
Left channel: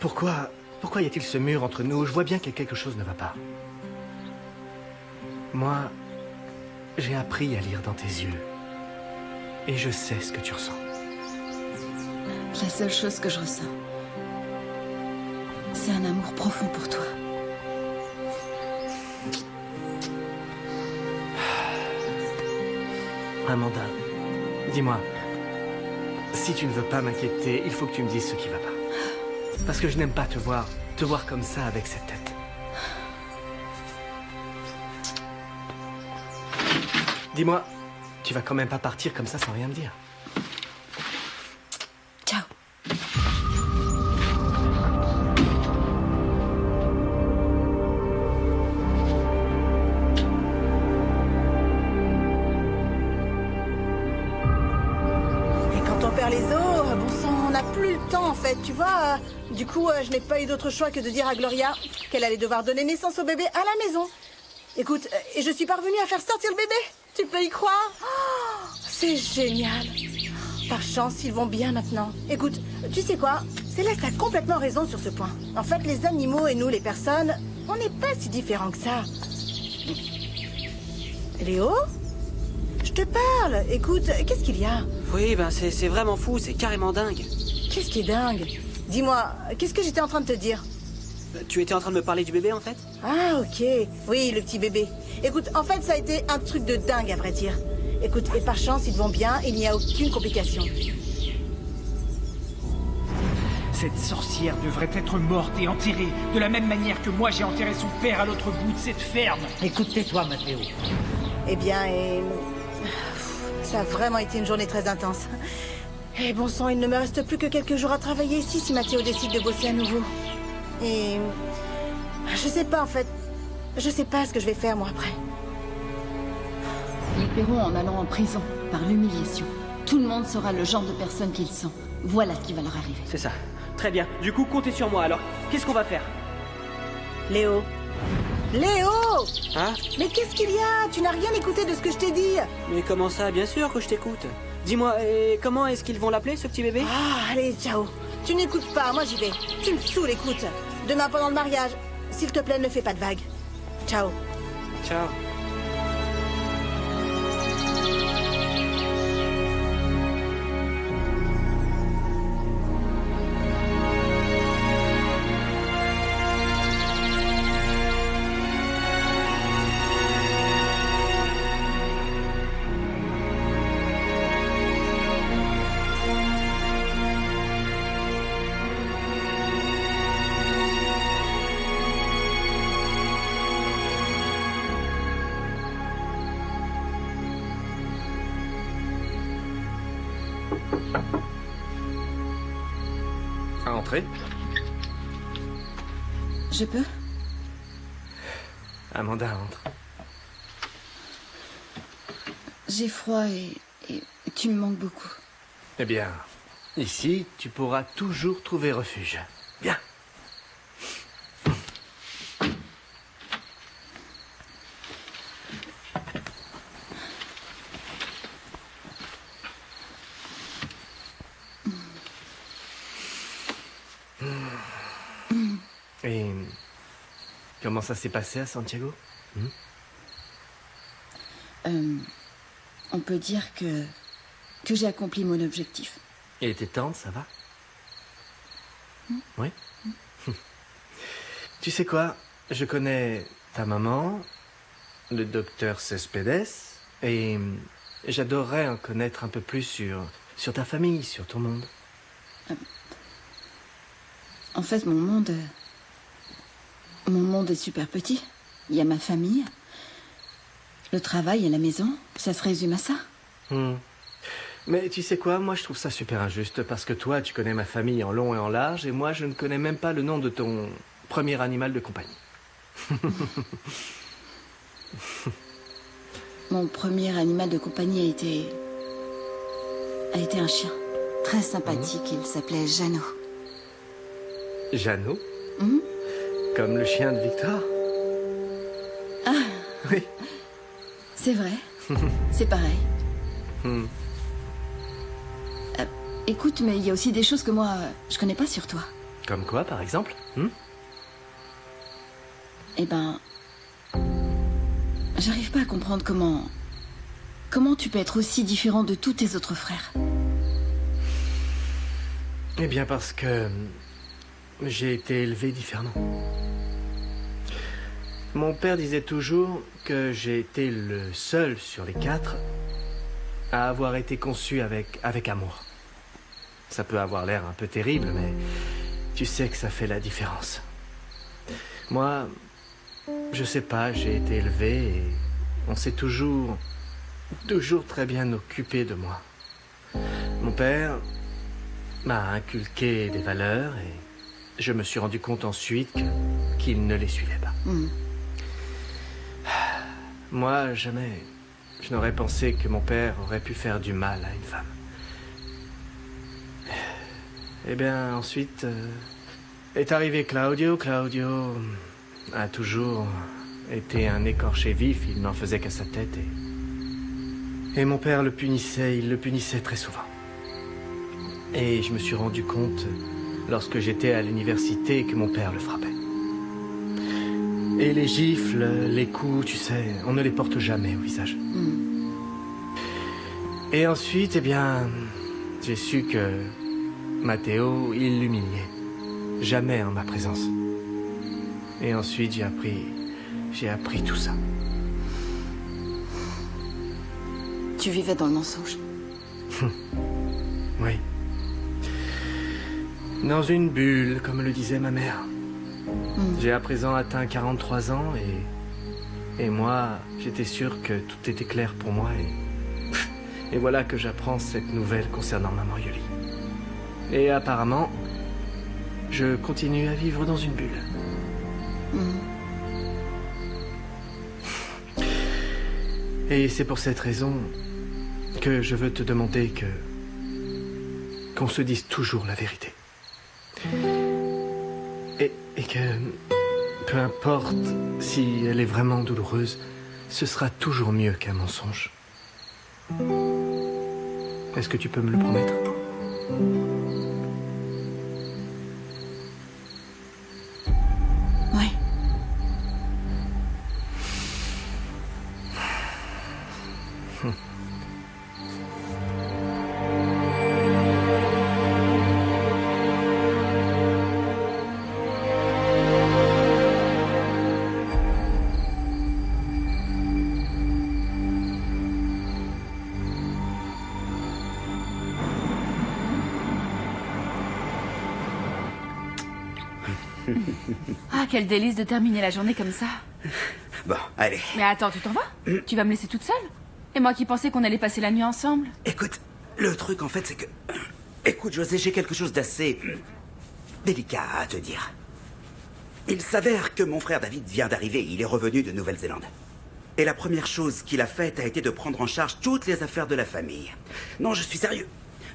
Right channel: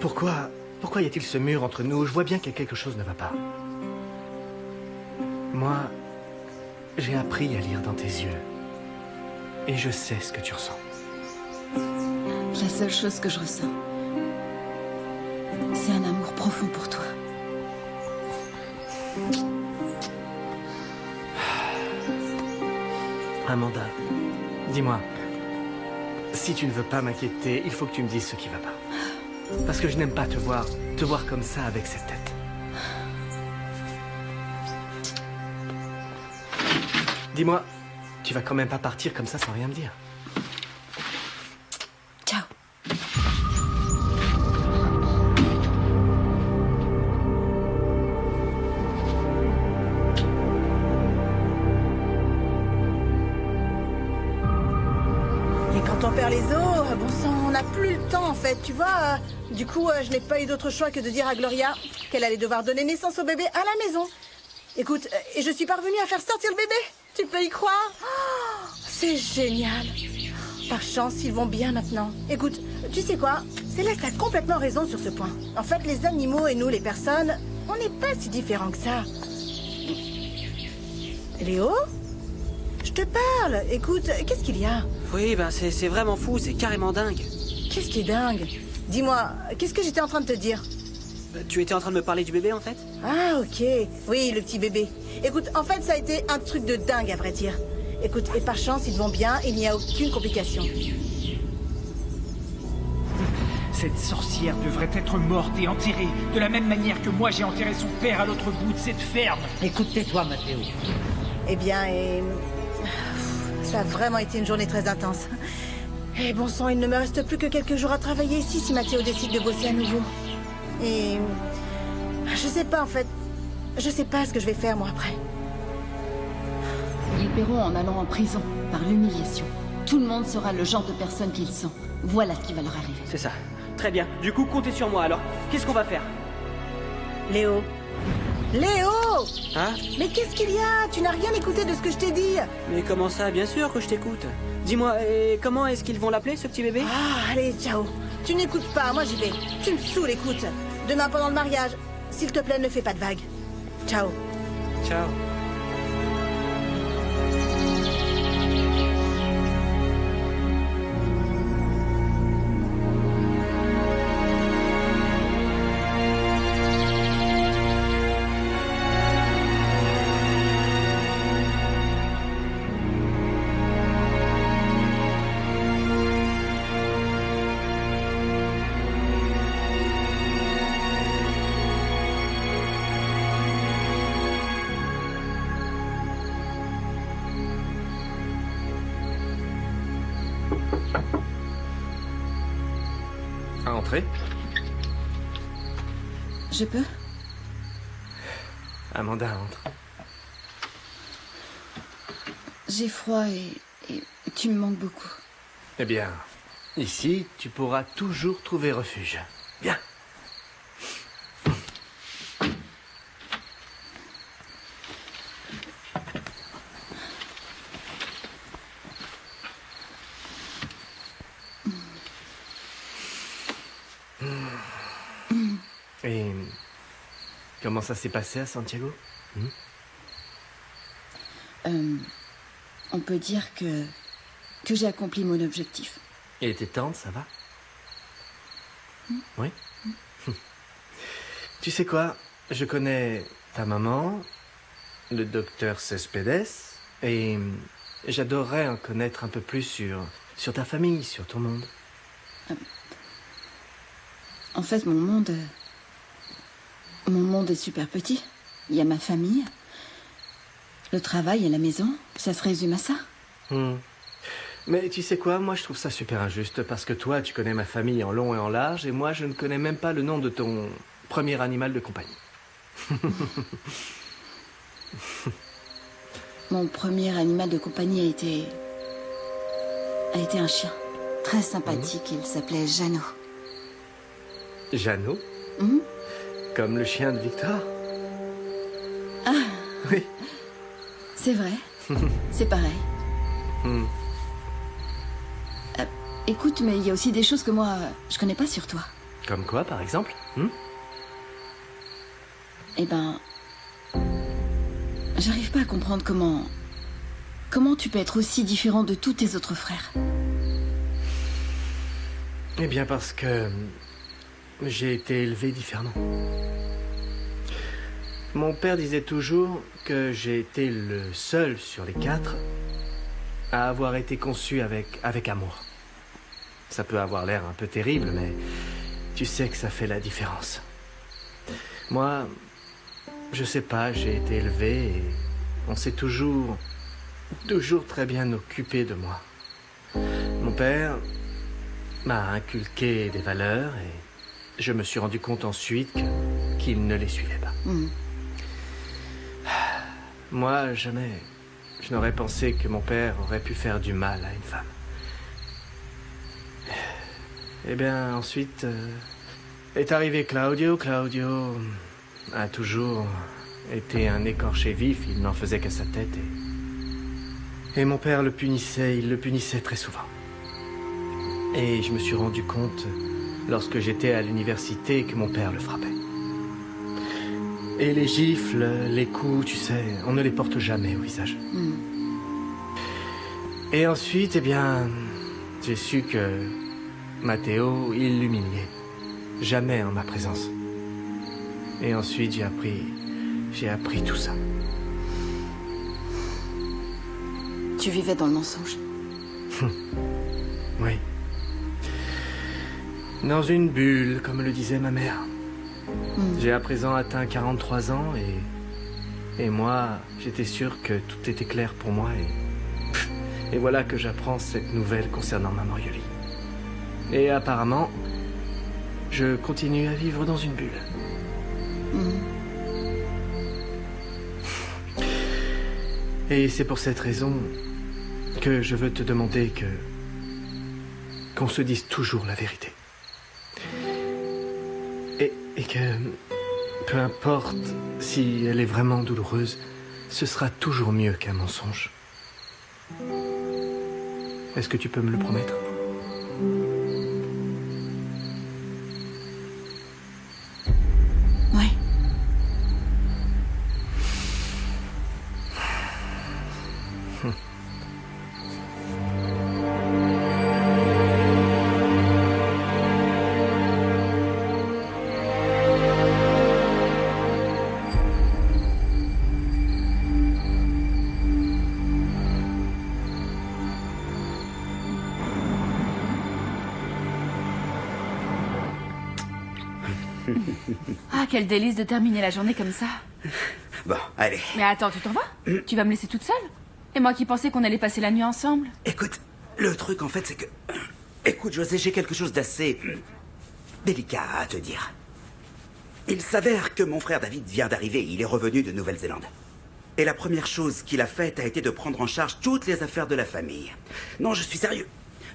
Pourquoi y a-t-il ce mur entre nous? Je vois bien que quelque chose ne va pas. Moi, j'ai appris à lire dans tes yeux. Et je sais ce que tu ressens. La seule chose que je ressens, c'est un amour profond pour toi. Amanda, dis-moi, si tu ne veux pas m'inquiéter, il faut que tu me dises ce qui va pas. Parce que je n'aime pas te voir comme ça avec cette tête. Dis-moi, tu vas quand même pas partir comme ça sans rien me dire. Ciao. Et quand on perd les os, bon sang, on n'a plus le temps en fait, tu vois. Du coup, je n'ai pas eu d'autre choix que de dire à Gloria qu'elle allait devoir donner naissance au bébé à la maison. Écoute, et je suis parvenue à faire sortir le bébé. Tu peux y croire? Oh, c'est génial. Par chance, ils vont bien maintenant. Écoute, tu sais quoi? Céleste a complètement raison sur ce point. En fait, les animaux et nous, les personnes, on n'est pas si différents que ça. Léo? Je te parle. Écoute, qu'est-ce qu'il y a? Oui, ben c'est vraiment fou, c'est carrément dingue. Qu'est-ce qui est dingue? Dis-moi, qu'est-ce que j'étais en train de te dire? Tu étais en train de me parler du bébé, en fait? Ah, ok. Oui, le petit bébé. Écoute, en fait, ça a été un truc de dingue, à vrai dire. Écoute, et par chance, ils vont bien, il n'y a aucune complication. Cette sorcière devrait être morte et enterrée, de la même manière que moi j'ai enterré son père à l'autre bout de cette ferme. Écoute, tais-toi, Mathéo. Eh bien, ça a vraiment été une journée très intense. Et bon sang, il ne me reste plus que quelques jours à travailler ici si Mathéo décide de bosser à nouveau. Et... je sais pas, en fait. Je sais pas ce que je vais faire, moi, après. Ils paieront en allant en prison, par l'humiliation. Tout le monde saura le genre de personne qu'ils sont. Voilà ce qui va leur arriver. C'est ça. Très bien. Du coup, comptez sur moi, alors. Qu'est-ce qu'on va faire? Léo. Léo! Hein? Mais qu'est-ce qu'il y a? Tu n'as rien écouté de ce que je t'ai dit. Mais comment ça? Bien sûr que je t'écoute. Dis-moi, et comment est-ce qu'ils vont l'appeler, ce petit bébé? Ah, allez, ciao. Tu n'écoutes pas, moi j'y vais. Tu me saoules, écoute. Demain pendant le mariage, s'il te plaît, ne fais pas de vagues. Ciao. Ciao. Entrez. Je peux? Amanda, entre. J'ai froid et tu me manques beaucoup. Eh bien, ici, tu pourras toujours trouver refuge. Viens. Et comment ça s'est passé à Santiago? On peut dire que j'ai accompli mon objectif. Et tes tantes, ça va? Oui? Tu sais quoi? Je connais ta maman, le docteur Cespedes, et j'adorerais en connaître un peu plus sur ta famille, sur ton monde. En fait, mon monde est super petit. Il y a ma famille, le travail et la maison. Ça se résume à ça. Mais tu sais quoi, moi je trouve ça super injuste parce que toi tu connais ma famille en long et en large et moi je ne connais même pas le nom de ton premier animal de compagnie. Mon premier animal de compagnie a été un chien. Très sympathique, il s'appelait Jeannot. Jeannot? Comme le chien de Victor? Ah. Oui. C'est vrai. C'est pareil. Écoute, mais il y a aussi des choses que moi, je connais pas sur toi. Comme quoi, par exemple? Eh ben... J'arrive pas à comprendre comment tu peux être aussi différent de tous tes autres frères. Eh bien parce que... j'ai été élevé différemment. Mon père disait toujours que j'ai été le seul sur les 4 à avoir été conçu avec amour. Ça peut avoir l'air un peu terrible, mais tu sais que ça fait la différence. Moi, je sais pas, j'ai été élevé et on s'est toujours très bien occupé de moi. Mon père m'a inculqué des valeurs et je me suis rendu compte ensuite qu'il ne les suivait pas. Moi, jamais, je n'aurais pensé que mon père aurait pu faire du mal à une femme. Eh bien, ensuite, est arrivé Claudio. Claudio a toujours été un écorché vif, il n'en faisait qu'à sa tête et mon père le punissait, il le punissait très souvent. Et je me suis rendu compte, lorsque j'étais à l'université, que mon père le frappait. Et les gifles, les coups, tu sais, on ne les porte jamais au visage. Et ensuite, eh bien, j'ai su que Matteo, il l'humiliait. Jamais en ma présence. Et ensuite, j'ai appris tout ça. Tu vivais dans le mensonge. Oui. Dans une bulle, comme le disait ma mère. J'ai à présent atteint 43 ans et moi, j'étais sûr que tout était clair pour moi et voilà que j'apprends cette nouvelle concernant maman Yoli. Et apparemment, je continue à vivre dans une bulle. Et c'est pour cette raison que je veux te demander qu'on se dise toujours la vérité. Et que, peu importe si elle est vraiment douloureuse, ce sera toujours mieux qu'un mensonge. Est-ce que tu peux me le promettre ? Oui. Ah, quel délice de terminer la journée comme ça. Bon, allez. Mais attends, tu t'en vas? Tu vas me laisser toute seule? Et moi qui pensais qu'on allait passer la nuit ensemble? Écoute, Le truc, en fait, c'est que... Écoute, José, j'ai quelque chose d'assez... délicat à te dire. Il s'avère que mon frère David vient d'arriver. Il est revenu de Nouvelle-Zélande. Et la première chose qu'il a faite a été de prendre en charge toutes les affaires de la famille. Non, je suis sérieux.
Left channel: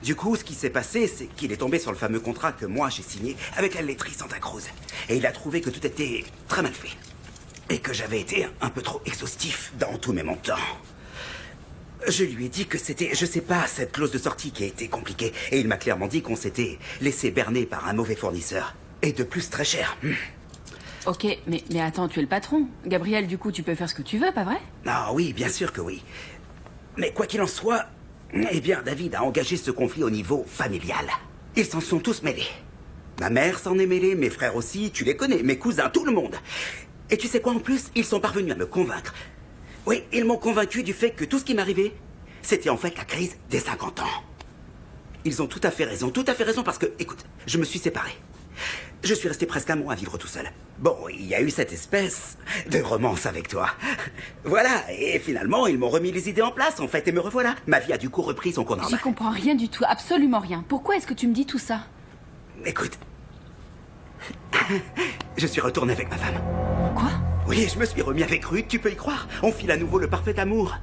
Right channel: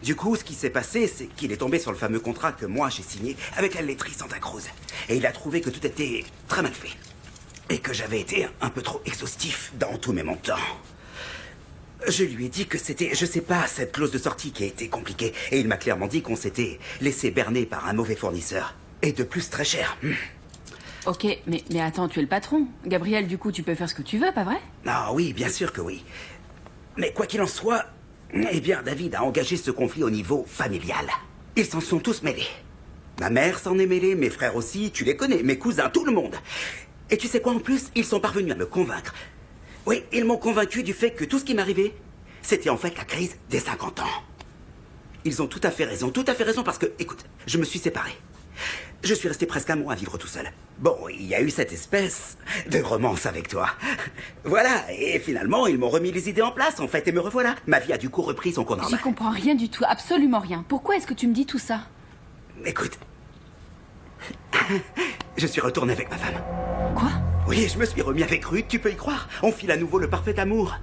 Du coup, ce qui s'est passé, c'est qu'il est tombé sur le fameux contrat que moi j'ai signé avec la laiterie Santa Cruz. Et il a trouvé que tout était très mal fait. Et que j'avais été un peu trop exhaustif dans tous mes montants. Je lui ai dit que c'était, je sais pas, cette clause de sortie qui a été compliquée. Et il m'a clairement dit qu'on s'était laissé berner par un mauvais fournisseur. Et de plus très cher. Ok, mais attends, tu es le patron. Gabriel, du coup, tu peux faire ce que tu veux, pas vrai? Ah oui, bien sûr que oui. Mais quoi qu'il en soit, eh bien, David a engagé ce conflit au niveau familial. Ils s'en sont tous mêlés. Ma mère s'en est mêlée, mes frères aussi, tu les connais, mes cousins, tout le monde. Et tu sais quoi en plus? Ils sont parvenus à me convaincre. Oui, ils m'ont convaincu du fait que tout ce qui m'arrivait, c'était en fait la crise des 50 ans. Ils ont tout à fait raison parce que, écoute, je me suis séparé. Je suis resté presque un mois à vivre tout seul. Bon, il y a eu cette espèce de romance avec toi. Voilà, et finalement, ils m'ont remis les idées en place, en fait, et me revoilà. Ma vie a du coup repris son cours normal. J'y comprends rien du tout, absolument rien. Pourquoi est-ce que tu me dis tout ça? Écoute, je suis retourné avec ma femme. Quoi? Oui, je me suis remis avec Ruth, tu peux y croire. On file à nouveau le parfait amour.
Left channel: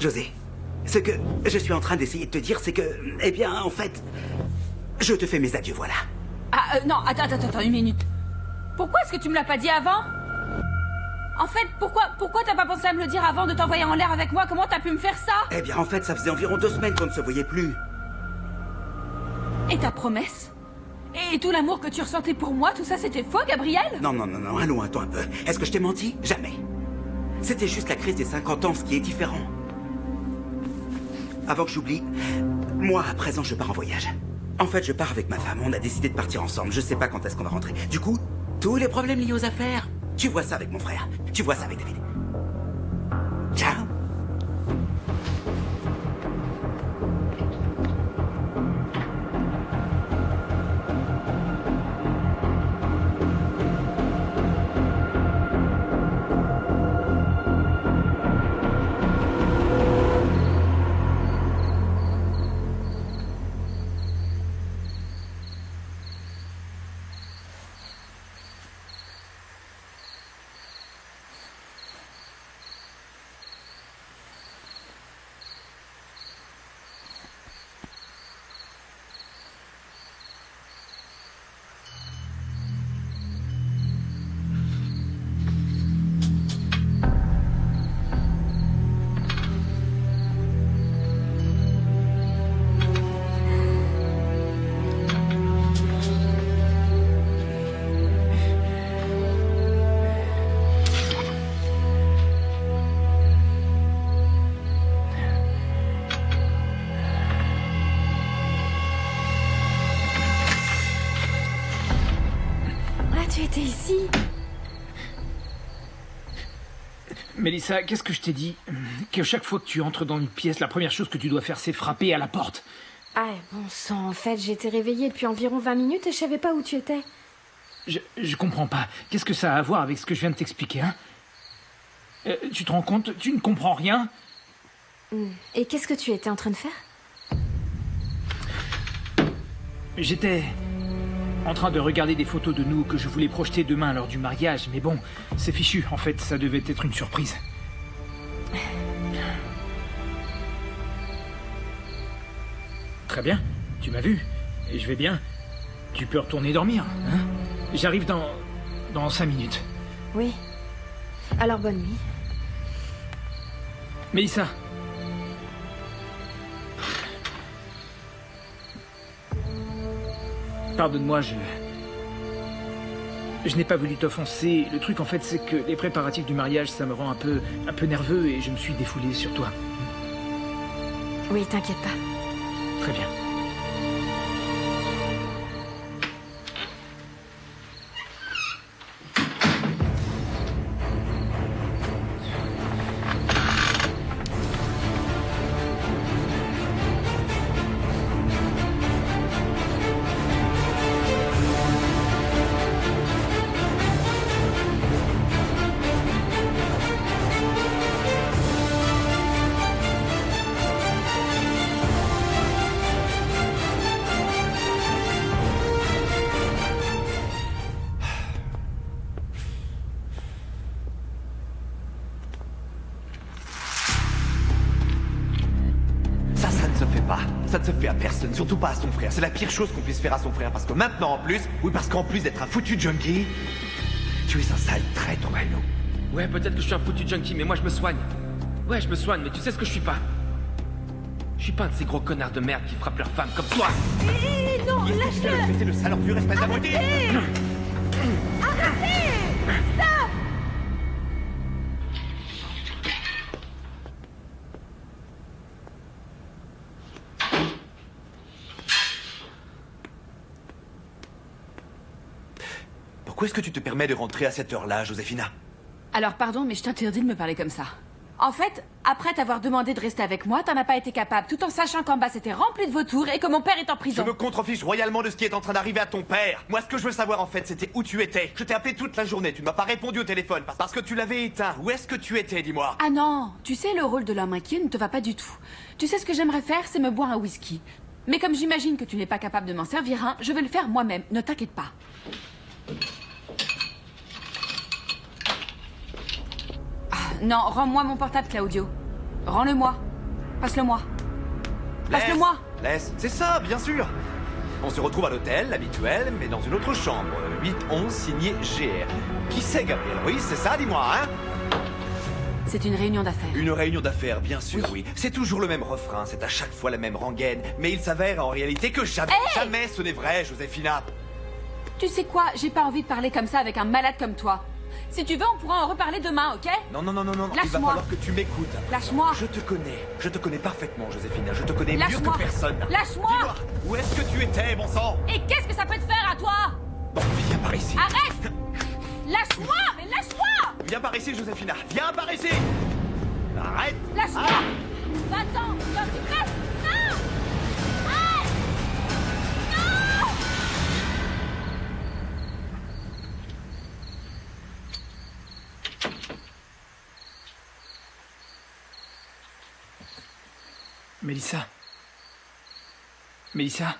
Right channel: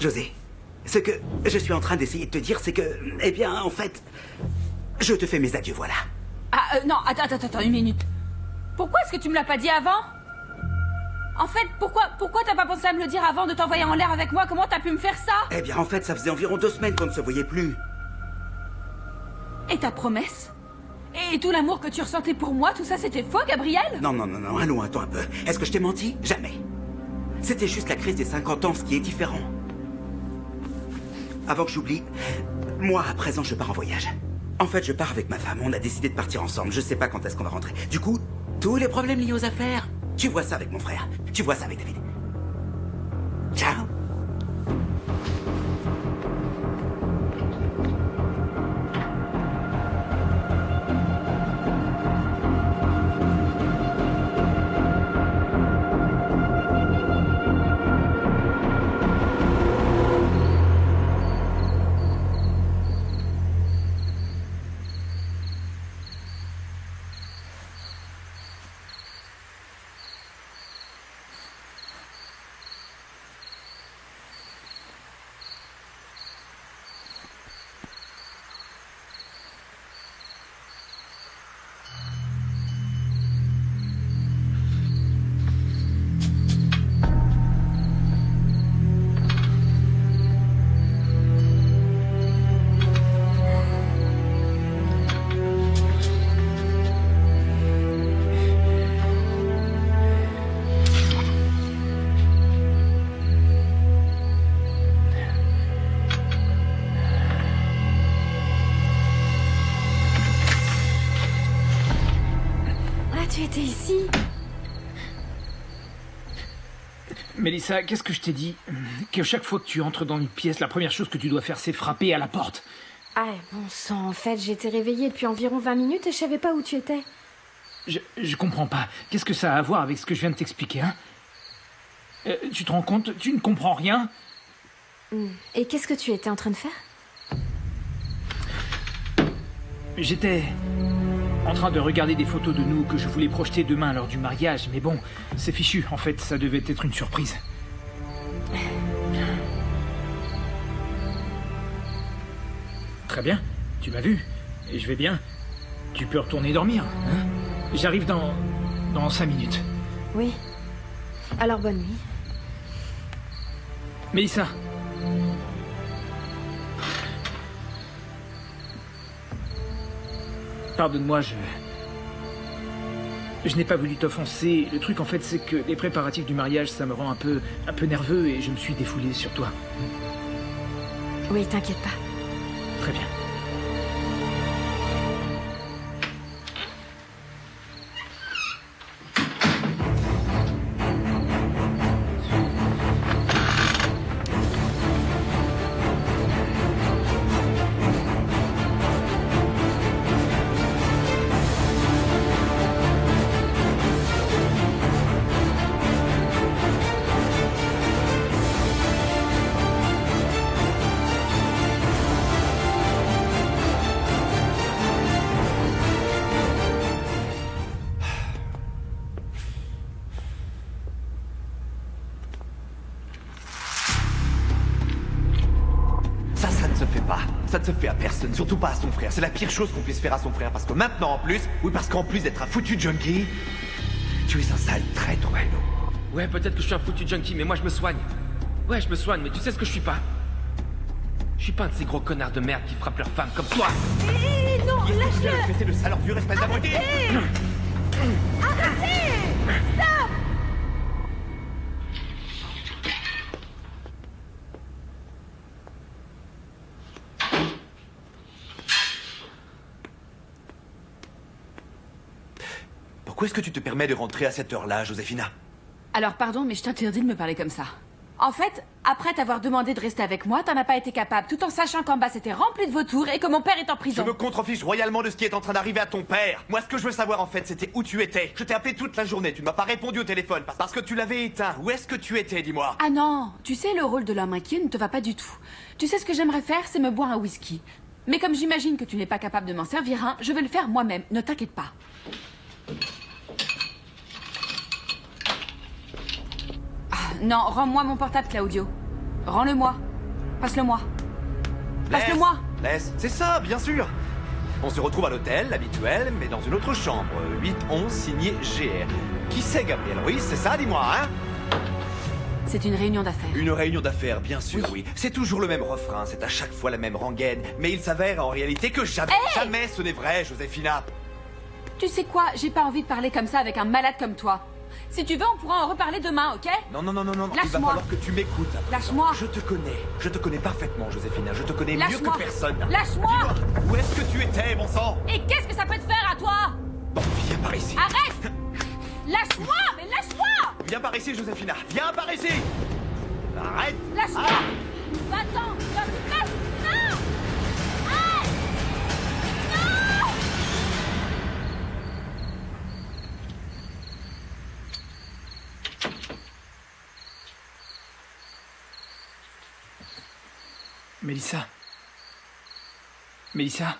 José, ce que je suis en train d'essayer de te dire, c'est que, eh bien, en fait, je te fais mes adieux, voilà. Ah, non, attends, une minute. Pourquoi est-ce que tu me l'as pas dit avant? En fait, pourquoi t'as pas pensé à me le dire avant de t'envoyer en l'air avec moi? Comment t'as pu me faire ça? Eh bien, en fait, ça faisait environ 2 semaines qu'on ne se voyait plus. Et ta promesse? Et tout l'amour que tu ressentais pour moi, tout ça c'était faux, Gabriel? Non, allons, attends un peu. Est-ce que je t'ai menti? Jamais. C'était juste la crise des 50 ans, ce qui est différent. Avant que j'oublie, moi, à présent, je pars en voyage. En fait, je pars avec ma femme. On a décidé de partir ensemble. Je sais pas quand est-ce qu'on va rentrer. Du coup, tous les problèmes liés aux affaires, tu vois ça avec mon frère. Tu vois ça avec David. Ciao. Tu étais ici? Mélissa, qu'est-ce que je t'ai dit? Que chaque fois que tu entres dans une pièce, la première chose que tu dois faire, c'est frapper à la porte. Ah, bon sang, en fait, j'étais réveillée depuis environ 20 minutes et je savais pas où tu étais. Je comprends pas. Qu'est-ce que ça a à voir avec ce que je viens de t'expliquer, hein? Tu te rends compte? Tu ne comprends rien? Et qu'est-ce que tu étais en train de faire? J'étais en train de regarder des photos de nous que je voulais projeter demain lors du mariage, mais bon, c'est fichu. En fait, ça devait être une surprise. Très bien, tu m'as vu. Et je vais bien. Tu peux retourner dormir, hein? J'arrive dans 5 minutes. Oui. Alors, bonne nuit. Mélissa. Pardonne-moi, je n'ai pas voulu t'offenser. Le truc, en fait, c'est que les préparatifs du mariage, ça me rend un peu nerveux et je me suis défoulé sur toi. Oui, t'inquiète pas. Très bien. pas. Ça ne se fait à personne, surtout pas à son frère. C'est la pire chose qu'on puisse faire à son frère, parce que maintenant en plus, oui, parce qu'en plus d'être un foutu junkie, tu es un sale traître, Bruno. Ouais, peut-être que je suis un foutu junkie, mais moi je me soigne. Ouais, je me soigne, mais tu sais ce que je suis pas? Je suis pas un de ces gros connards de merde qui frappent leurs femmes comme toi. Hé, non, lâche-le! C'est le sale ordure, espèce d'abruti! Arrêtez! Stop! Pourquoi est-ce que tu te permets de rentrer à cette heure-là, Joséphina? Alors pardon, mais je t'interdis de me parler comme ça. En fait, après t'avoir demandé de rester avec moi, t'en as pas été capable, tout en sachant qu'en bas c'était rempli de vautours et que mon père est en prison. Je me contrefiche royalement de ce qui est en train d'arriver à ton père. Moi, ce que je veux savoir en fait, c'était où tu étais. Je t'ai appelé toute la journée, tu ne m'as pas répondu au téléphone parce que tu l'avais éteint. Où est-ce que tu étais, dis-moi? Ah non, tu sais, le rôle de l'homme inquiet ne te va pas du tout. Tu sais ce que j'aimerais faire, c'est me boire un whisky. Mais comme j'imagine que tu n'es pas capable de m'en servir un, je vais le faire moi-même, ne t'inquiète pas. Non, rends-moi mon portable, Claudio. Rends-le-moi. Passe-le-moi. Passe-le-moi. Laisse, c'est ça, bien sûr. On se retrouve à l'hôtel, l'habituel, mais dans une autre chambre. 8-11, signé GR. Qui c'est, Gabriel? Oui, c'est ça, dis-moi, hein? C'est une réunion d'affaires. Une réunion d'affaires, bien sûr, oui. C'est toujours le même refrain, c'est à chaque fois la même rengaine. Mais il s'avère en réalité que jamais, jamais ce n'est vrai, Joséphina. Tu sais quoi? J'ai pas envie de parler comme ça avec un malade comme toi. Si tu veux, on pourra en reparler demain, ok? Non, il va falloir que tu m'écoutes. Lâche-moi. Je te connais parfaitement, Joséphina. Je te connais mieux que personne. Lâche-moi. Dis-moi, où est-ce que tu étais, bon sang? Et qu'est-ce que ça peut te faire à toi? Bon, viens par ici. Arrête! Lâche-moi, mais lâche-moi! Viens par ici, Joséphina. Viens par ici. Arrête. Lâche-moi. Ah. Va-t'en, quand tu passes. Non! Arrête! Non! Mélissa. Mélissa.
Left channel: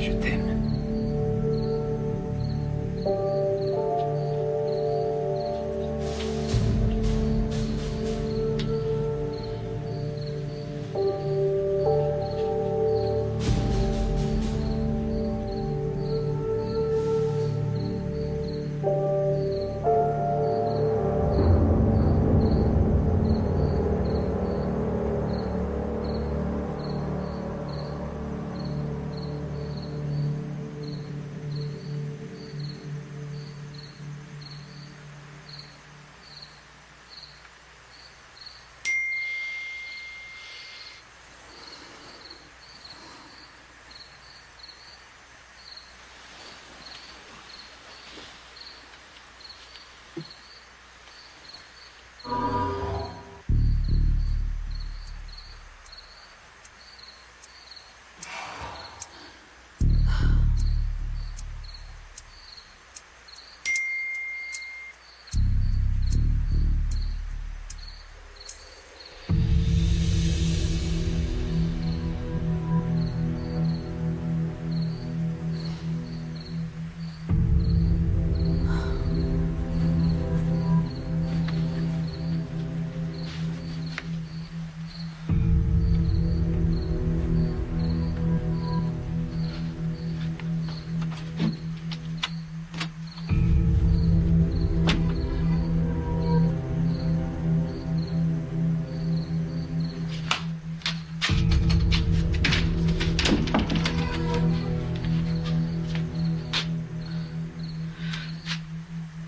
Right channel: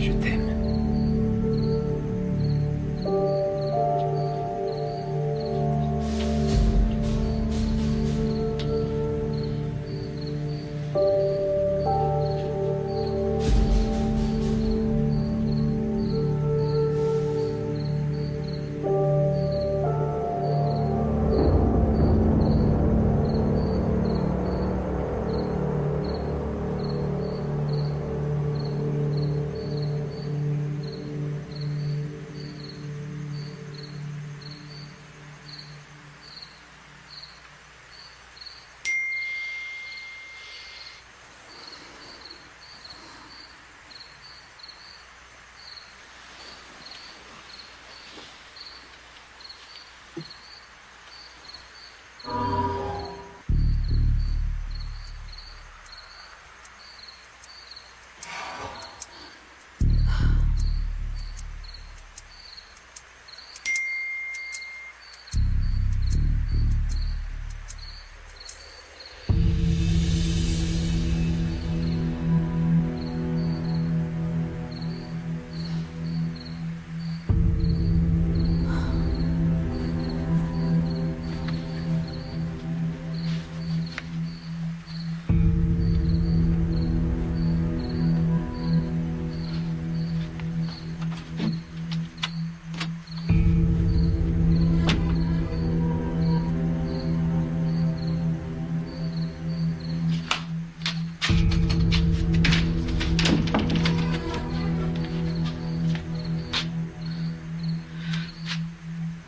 Je t'aime.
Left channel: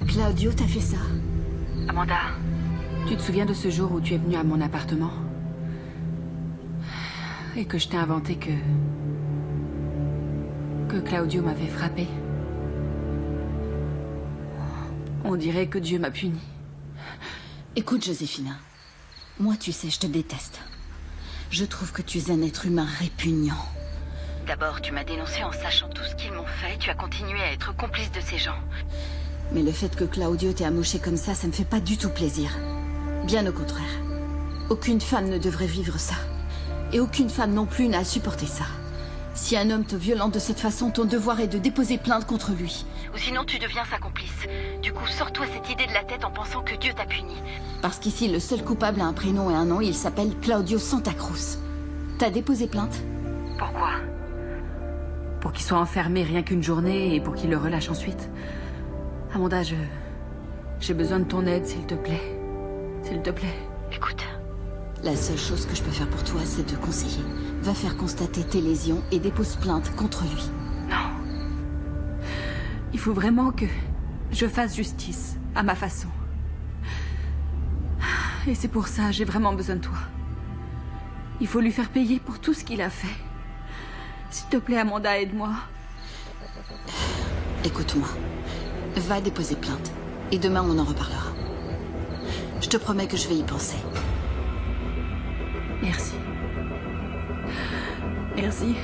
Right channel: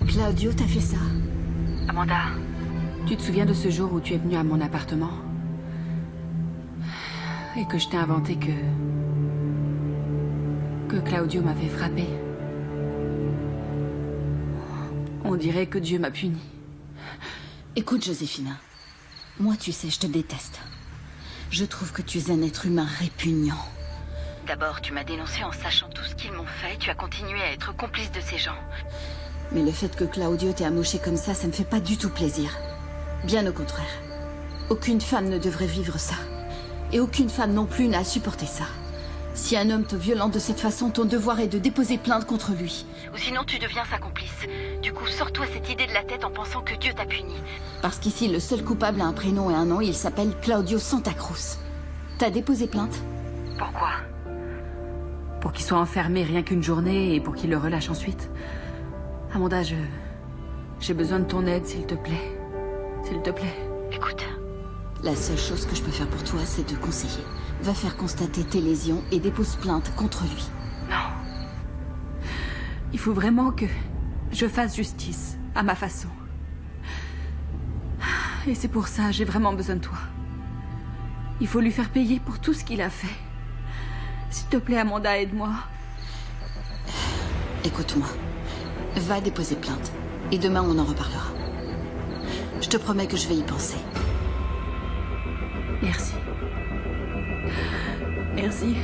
Claudio, t'as fait ça? Amanda. Tu te souviens de ce jour où tu es venu à mon appartement? Et que je t'ai inventé que Claudio m'avait frappé? On dirait que Dieu m'a puni. Écoute, Joséphine. Moi, tu sais, je te déteste. Je trouve que tu es un être humain répugnant. D'abord, tu m'as dénoncé en sachant tout ce qu'ils m'ont fait. Tu as continué à être complice de ces gens. Mais le fait que Claudio t'ait amoché comme ça me fait pas du tout plaisir. Bien au contraire. Aucune femme ne devrait vivre ça. Et aucune femme non plus n'a à supporter ça. Si un homme te violente de cette façon, ton devoir est de déposer plainte contre lui. Ou sinon tu deviens sa complice. Du coup, sors-toi cette idée de la tête en pensant que Dieu t'a puni. Parce qu'ici, le seul coupable a un prénom et un nom, il s'appelle Claudio Santa Cruz. T'as déposé plainte? Pourquoi? Pour qu'il soit enfermé rien qu'une journée et pour qu'il le relâche ensuite. Amanda, j'ai besoin de ton aide, s'il te plaît. S'il te plaît. Écoute, la seule chose que je peux faire pour toi, c'est te conseiller. Va faire constater tes lésions et dépose plainte contre lui. Non. Il faut vraiment que je fasse justice, à ma façon. Et c'est pour ça, j'ai vraiment besoin de toi. Il faut lui faire payer pour tout ce qu'il a fait. S'il te plaît, Amanda, aide-moi. Écoute-moi. Va déposer plainte. Et demain, on en reparlera. Je te promets que je vais y penser. Merci. Merci.